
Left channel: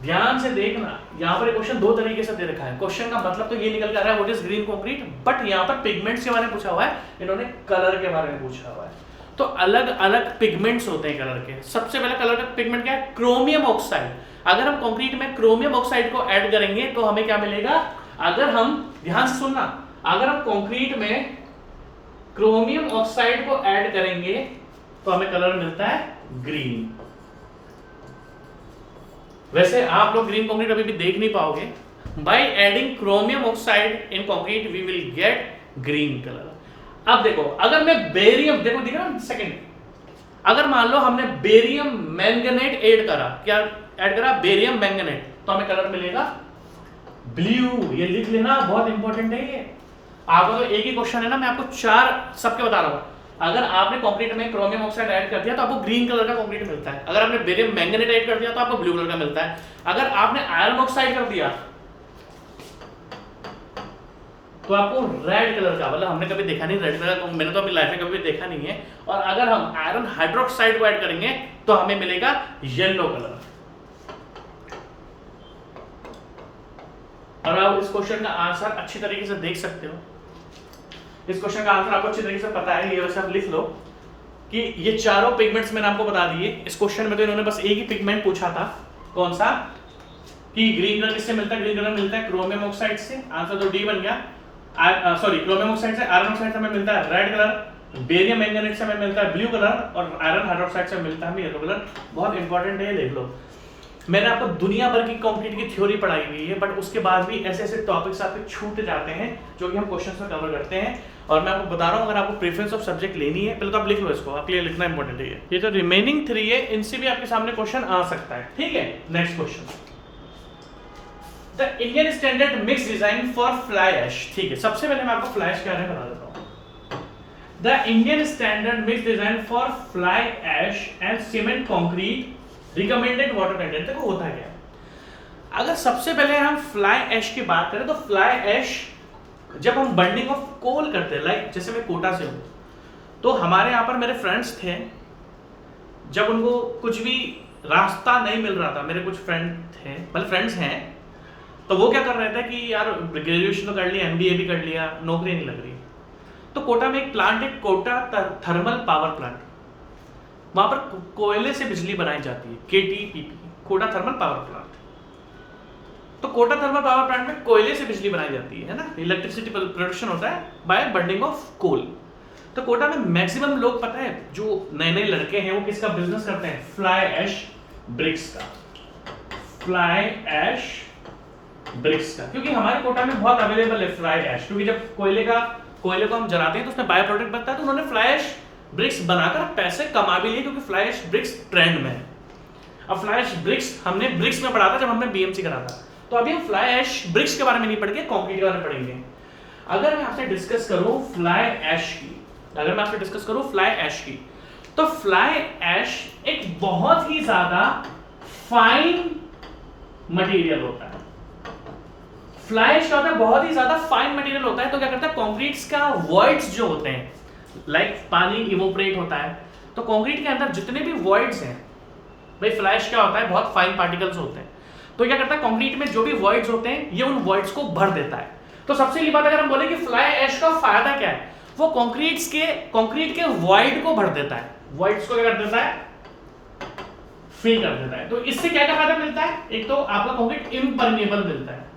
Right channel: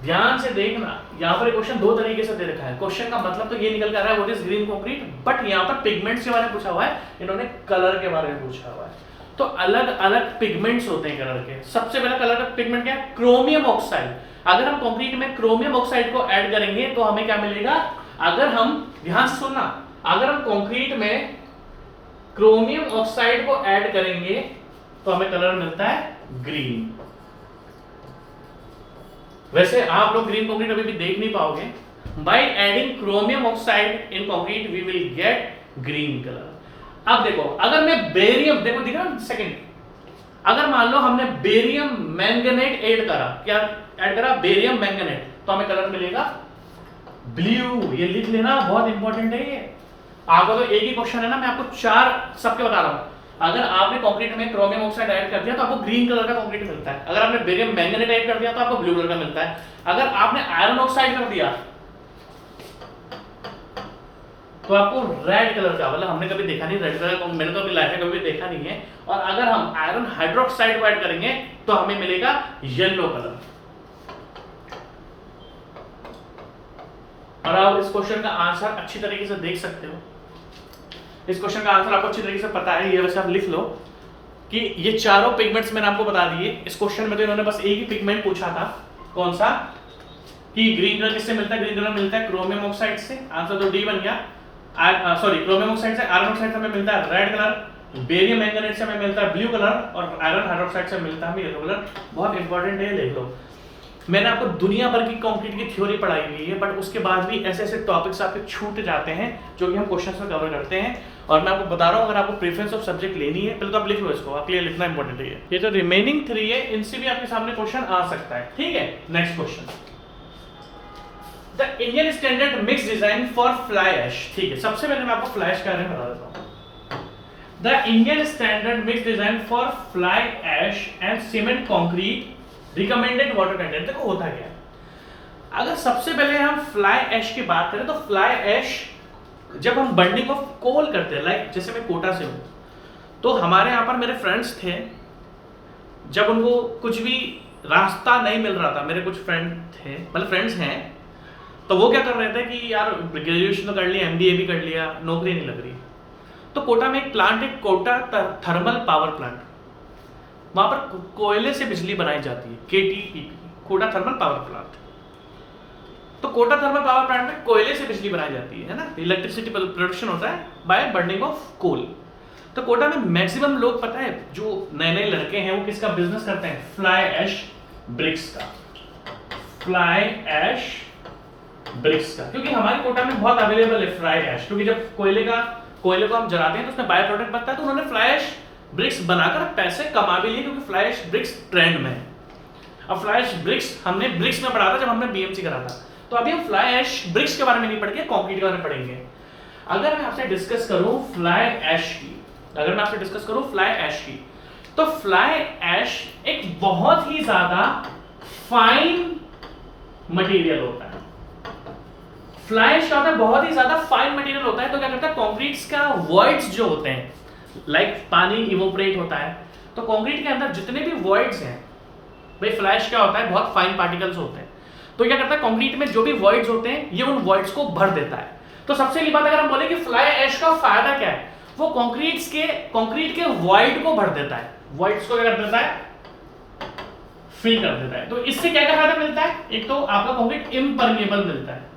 ध्यान से देखना, यहाँ पर क्वेश्चन दो तरीके से दे रखा है, क्वेश्चन का मतलब तो ये निकल के आ रहा है what is green concrete, but यहाँ पर पिगमेंट्स के बारे में पूछा हुआ है, इन्होंने कलर के बारे में पूछा हुआ है। तो अलग अलग पिगमेंट्स होते हैं कलर के। सबसे पहला कलर का पिगमेंट क्या है, क्रोमियम ऑक्साइड। अगर हम कंक्रीट में क्रोमियम ऑक्साइड को ऐड करेंगे तो हमें क्या मिलेगा, अगर हम, ध्यान से सुनना, अगर हम कंक्रीट में क्रोमियम ऑक्साइड को ऐड करेंगे तो हमें कलर मिलता है ग्रीन। वैसे आप लोग ग्रीन कंक्रीट अभी भी देख नहीं पाओगे, by adding chromium oxide in concrete we will get green colour. अब देखो, अगर मैं बेरियम, देखो दिख रहा है सेकंड, अगर मान लो हमने बेरियम मैंगनेट ऐड करा, क्या ऐड करा, बेरियम मैंगनेट, तो हमें कलर मिलेगा ब्लू। ये लिख लेना, बहुत इंपॉर्टेंट है ये। आपको तो एक ही क्वेश्चन है ना, मैं आपको चार सबके बता रहा हूं। अगर आपने कंक्रीट में क्रोमियम ऑक्साइड ऐड कर दिया तो आपको ग्रीन कलर का कंक्रीट मिलता है, अगर आपने बेरियम मैंगनेट ऐड कर दिया तो आपको ब्लू कलर का मिलता है, अगर आपने आयरन ऑक्साइड कर दिया तो आपको रेड कलर का, मतलब हमने कभी देखा नहीं रेड कलर का, मैंने तो अपनी लाइफ में कभी देखा नहीं है, और अगर हम आयरन हाइड्रोक्साइड को ऐड करेंगे तो हमें मिलेगा येलो कलर। और आप इस क्वेश्चन का आंसर अच्छी तरीके से देख सकते हो, इस क्वेश्चन का आंसर आपको अच्छी तरीके से पता है, ये वैसे आप लिख लो कि ये चारों पिगमेंट्स मैंने आपको बता दिए। इस क्वेश्चन में तो इन्होंने बस एक ही पिगमेंट पूछा था, कौन सा, कि ग्रीन कलर किससे मिलता है, ग्रीन कलर मिलता है क्रोमियम ऑक्साइड से, आंसर तो डी बन गया। सॉरी, क्रोमियम ऑक्साइड से, आयरन ऑक्साइड से हमें मिलता है रेड कलर, बेरियम मैंगनेट से हमें मिलता है ब्लू कलर, और आयरन हाइड्रोक्साइड से मिलता है हमें येलो कलर। बहुत इंपॉर्टेंट है, लिख लो। मैंने आपको दुनिया भर की कंक्रीट की थ्योरी पढ़ाई हुई है, बट उसके बाद भी ऐसे ऐसे टॉपिक्स आपके छूट जाते हैं जो कि हम क्वेश्चंस में कवर करते हैं। और मैं आपको बता रहा हूँ, अगर आपको प्रेफरेंस ऑफ सब्जेक्ट लेनी है, पहले तो आप लिख लो इसको, आपके लिए लिखना इंपॉर्टेंट है। ये जो रिमेनिंग 3 है, इनसे भी आपके सामने क्वेश्चन आ सकता है, ठीक है। Next question, the Indian standard mix design for fly ash. ठीक है, सबसे पहले मैं आपको फ्लाई ऐश के बारे में बता देता हूँ। The Indian standard mix design for fly ash and cement concrete recommended water content. देखो होता क्या है, अगर सबसे पहले हम फ्लाई ऐश की बात करें तो फ्लाई ऐश जब हम बर्निंग ऑफ कोल करते हैं, लाइक जैसे मैं कोटा से हूं, तो हमारे यहाँ पर मेरे फ्रेंड्स थे, जब उनको कुछ भी रास्ता नहीं मिल रहा था, मेरे कुछ फ्रेंड थे, मतलब फ्रेंड्स हैं, तो वो क्या कर रहे थे कि यार ग्रेजुएशन तो कर लिया, MBA भी कर लिया, नौकरी नहीं लग रही, तो कोटा में एक प्लांट है, कोटा थर्मल पावर प्लांट, वहां पर कोयले से बिजली बनाई जाती है, KTPP, Kota thermal power plant. तो कोटा थर्मल पावर प्लांट में कोयले से बिजली बनाई जाती है ना, इलेक्ट्रिसिटी प्रोडक्शन होता है बाय बर्निंग ऑफ कोल। तो कोटा में मैक्सिमम लोग, पता है, जो नए नए लड़के हैं वो किसका बिजनेस करते हैं, फ्लाई ऐश ब्रिक्स का, फ्लाई ऐश ब्रिक्स का, क्योंकि हमारे कोटा में बहुत अवेलेबल है फ्लाई ऐश, क्योंकि जब कोयले को हम जलाते हैं तो उसमें बाय प्रोडक्ट बनता है, तो उन्होंने फ्लाई ऐश ब्रिक्स बनाकर पैसे कमा भी लिए, क्योंकि फ्लाई ऐश ब्रिक्स ट्रेंड में है। अब फ्लाई ऐश ब्रिक्स हमने ब्रिक्स में पढ़ा था जब हमने BMC करा था, तो अभी हम फ्लाई ऐश ब्रिक्स के बारे में नहीं पढ़ के कंक्रीट के बारे में पढ़ेंगे। अगर मैं आपसे डिस्कस करूं फ्लाई ऐश की, अगर मैं आपसे डिस्कस करूं फ्लाई ऐश की, तो फ्लाई ऐश एक बहुत ही ज्यादा फाइन मटेरियल होता है। फ्लाई ऐश होता है बहुत ही ज्यादा फाइन मटेरियल होता है, तो क्या करता है, कंक्रीट्स का वॉइड्स जो होते हैं, लाइक पानी इवोपरेट होता है, तो कंक्रीट के अंदर जितने भी वॉइड्स हैं, भाई फ्लाई ऐश क्या होता है, बहुत फाइन पार्टिकल्स होते हैं, तो क्या करता है, कंक्रीट में जो भी वॉइड्स होते हैं ये उन वॉइड्स को भर देता है। तो सबसे पहली बात, अगर हम बोले कि फ्लाई ऐश का फायदा क्या है, वो कंक्रीट के वॉइड को भर देता है, वॉइड्स को क्या कर देता है, फिल कर देता है। तो इससे क्या क्या फायदा मिलता है, एक तो आपका कंक्रीट इम्परमेबल मिलता है,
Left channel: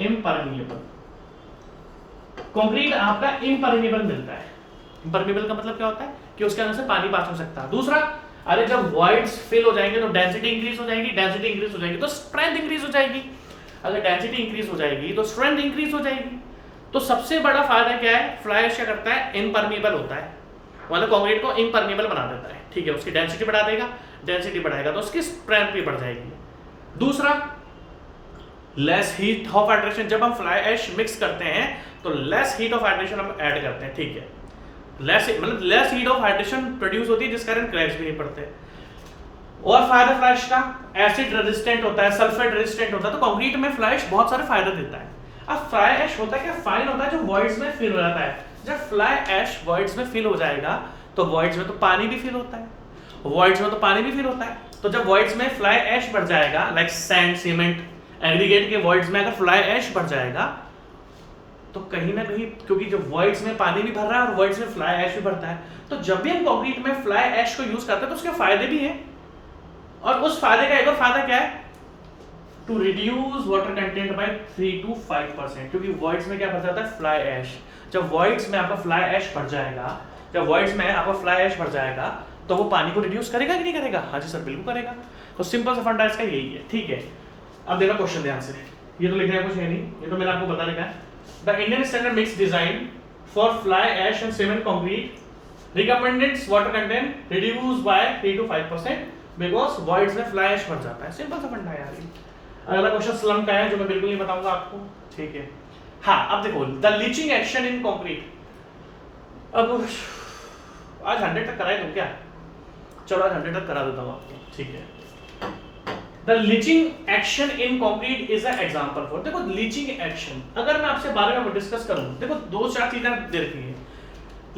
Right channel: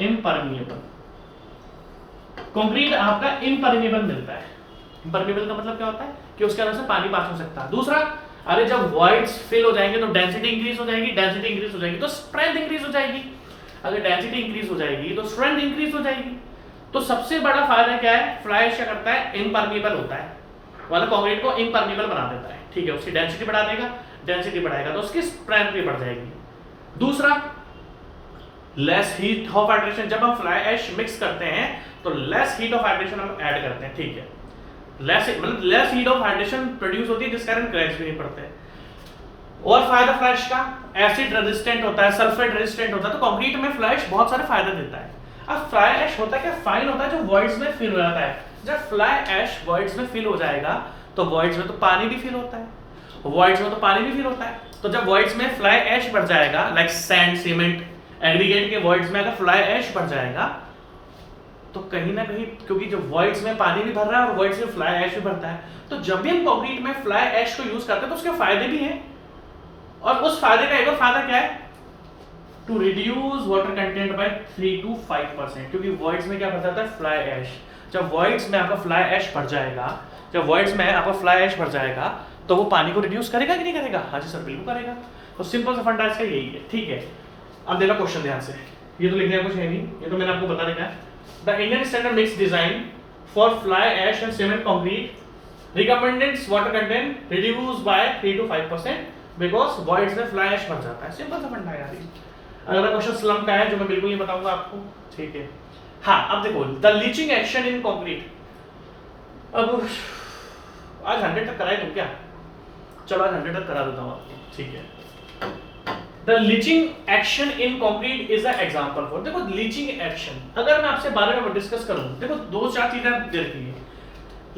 इम्परमेबल कंक्रीट आपका इम्परमेबल मिलता है। इम्परमेबल का मतलब क्या होता है कि उसके अंदर से पानी पास हो सकता है। दूसरा, अरे जब वॉइड्स फिल हो जाएंगे तो डेंसिटी इंक्रीज हो जाएगी, डेंसिटी इंक्रीज हो जाएगी तो स्ट्रेंथ इंक्रीज हो जाएगी, अगर डेंसिटी इंक्रीज हो जाएगी तो स्ट्रेंथ इंक्रीज हो जाएगी। तो सबसे बड़ा फायदा क्या है, फ्लाई ऐश क्या करता है, इनपर्मिएबल होता है, मतलब कंक्रीट को इनपर्मिएबल बना देता है, ठीक है, उसकी डेंसिटी बढ़ा देगा, डेंसिटी बढ़ाएगा तो उसकी स्ट्रेंथ भी बढ़ जाएगी। दूसरा, लेस हीट ऑफ हाइड्रेशन, जब हम फ्लाई ऐश मिक्स करते हैं तो लेस हीट ऑफ हाइड्रेशन हम ऐड करते हैं, ठीक है, less heat of hydration produce होती है जिस कारण क्रैक्स भी नहीं पड़ते। और फायदा फ्लाई ऐश का, एसिड रेजिस्टेंट होता है, सल्फेट रेजिस्टेंट होता है, तो कंक्रीट में फ्लाई ऐश बहुत सारे फायदे देता है। अब फ्लाई ऐश होता है क्या, फाइन होता है जो वॉइड्स में फिल हो जाता है। जब फ्लाई ऐश वॉइड्स में फिल हो जाएगा तो वॉइड्स में तो पानी भी फिल होता है, वॉइड्स में तो पानी भी फिल होता है, तो जब वॉइड्स में फ्लाई ऐश बढ़ जाएगा, लाइक सैंड, सीमेंट, एग्रीगेट के वॉइड्स में अगर फ्लाई ऐश बढ़ जाएगा तो कहीं ना कहीं, क्योंकि जब वॉइड्स में पानी भी भर रहा है और वॉइड्स में फ्लाई ऐश भी भरता है, तो जब भी हम कंक्रीट में फ्लाई ऐश को यूज करते हैं तो उसके फायदे भी हैं। और उस फायदे का एक और फायदा क्या है, to reduce water content by 3 to 5%, क्योंकि वॉइड्स में क्या भर जाता है, फ्लाई ऐश। जब वॉइड्स में आपका फ्लाई ऐश भर जाएगा, जब वॉइड्स में आपका फ्लाई ऐश भर जाएगा तो वो पानी को रिड्यूस करेगा कि नहीं करेगा? हाँ जी सर, बिल्कुल करेगा। तो सिंपल सा फंडा इसका यही है, ठीक है। अब देखो क्वेश्चन ध्यान से, ये तो लिखने का कुछ है नहीं, ये तो मैंने आपको बता रखा है। The Indian standard mix design for fly ash and cement concrete recommended water content reduce by 3 to 5% because voids में फ्लाई ऐश भर जाता है। सिंपल सा फंडा यार ये। अगला क्वेश्चन स्लम का है जो मैं बिल्कुल नहीं बताऊंगा आपको, ठीक है। हाँ, अब देखो the leaching action in concrete. अब आज 100 तक कराए तुम क्या? चलो आज 100 तक करा देता हूँ आपको, ठीक है। The leaching action in concrete is a example for, देखो लीचिंग एक्शन, अगर मैं आपसे बारे में डिस्कस करूं, देखो 2-4 चीजें दे रखी है।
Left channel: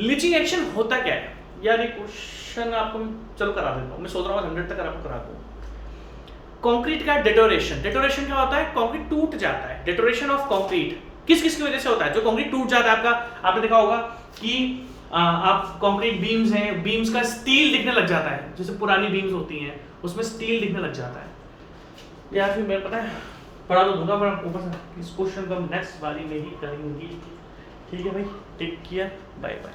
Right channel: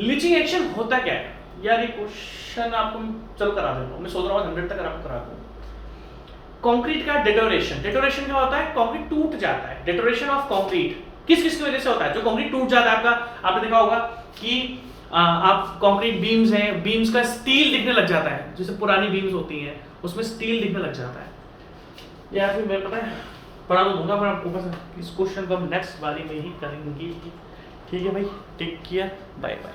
लीचिंग एक्शन होता क्या है यार, ये क्वेश्चन आपको चलो करा देता हूँ, मैं सोच रहा हूँ 100 तक आपको करा दूं। कंक्रीट का डेटोरेशन, डेटोरेशन क्या होता है, कंक्रीट टूट जाता है। डेटोरेशन ऑफ कंक्रीट किस किस की वजह से होता है? जो कंक्रीट टूट जाता है, आपका आपने देखा होगा कि आप कंक्रीट बीम्स हैं, बीम्स का स्टील दिखने लग जाता है, जैसे पुरानी बीम्स होती हैं उसमें स्टील दिखने लग जाता है। यार फिर मैं पता है पढ़ा तो दूंगा, पर ऊपर से इस क्वेश्चन को हम नेक्स्ट बारी में ही करेंगे, ठीक है भाई, टेक केयर, बाय बाय।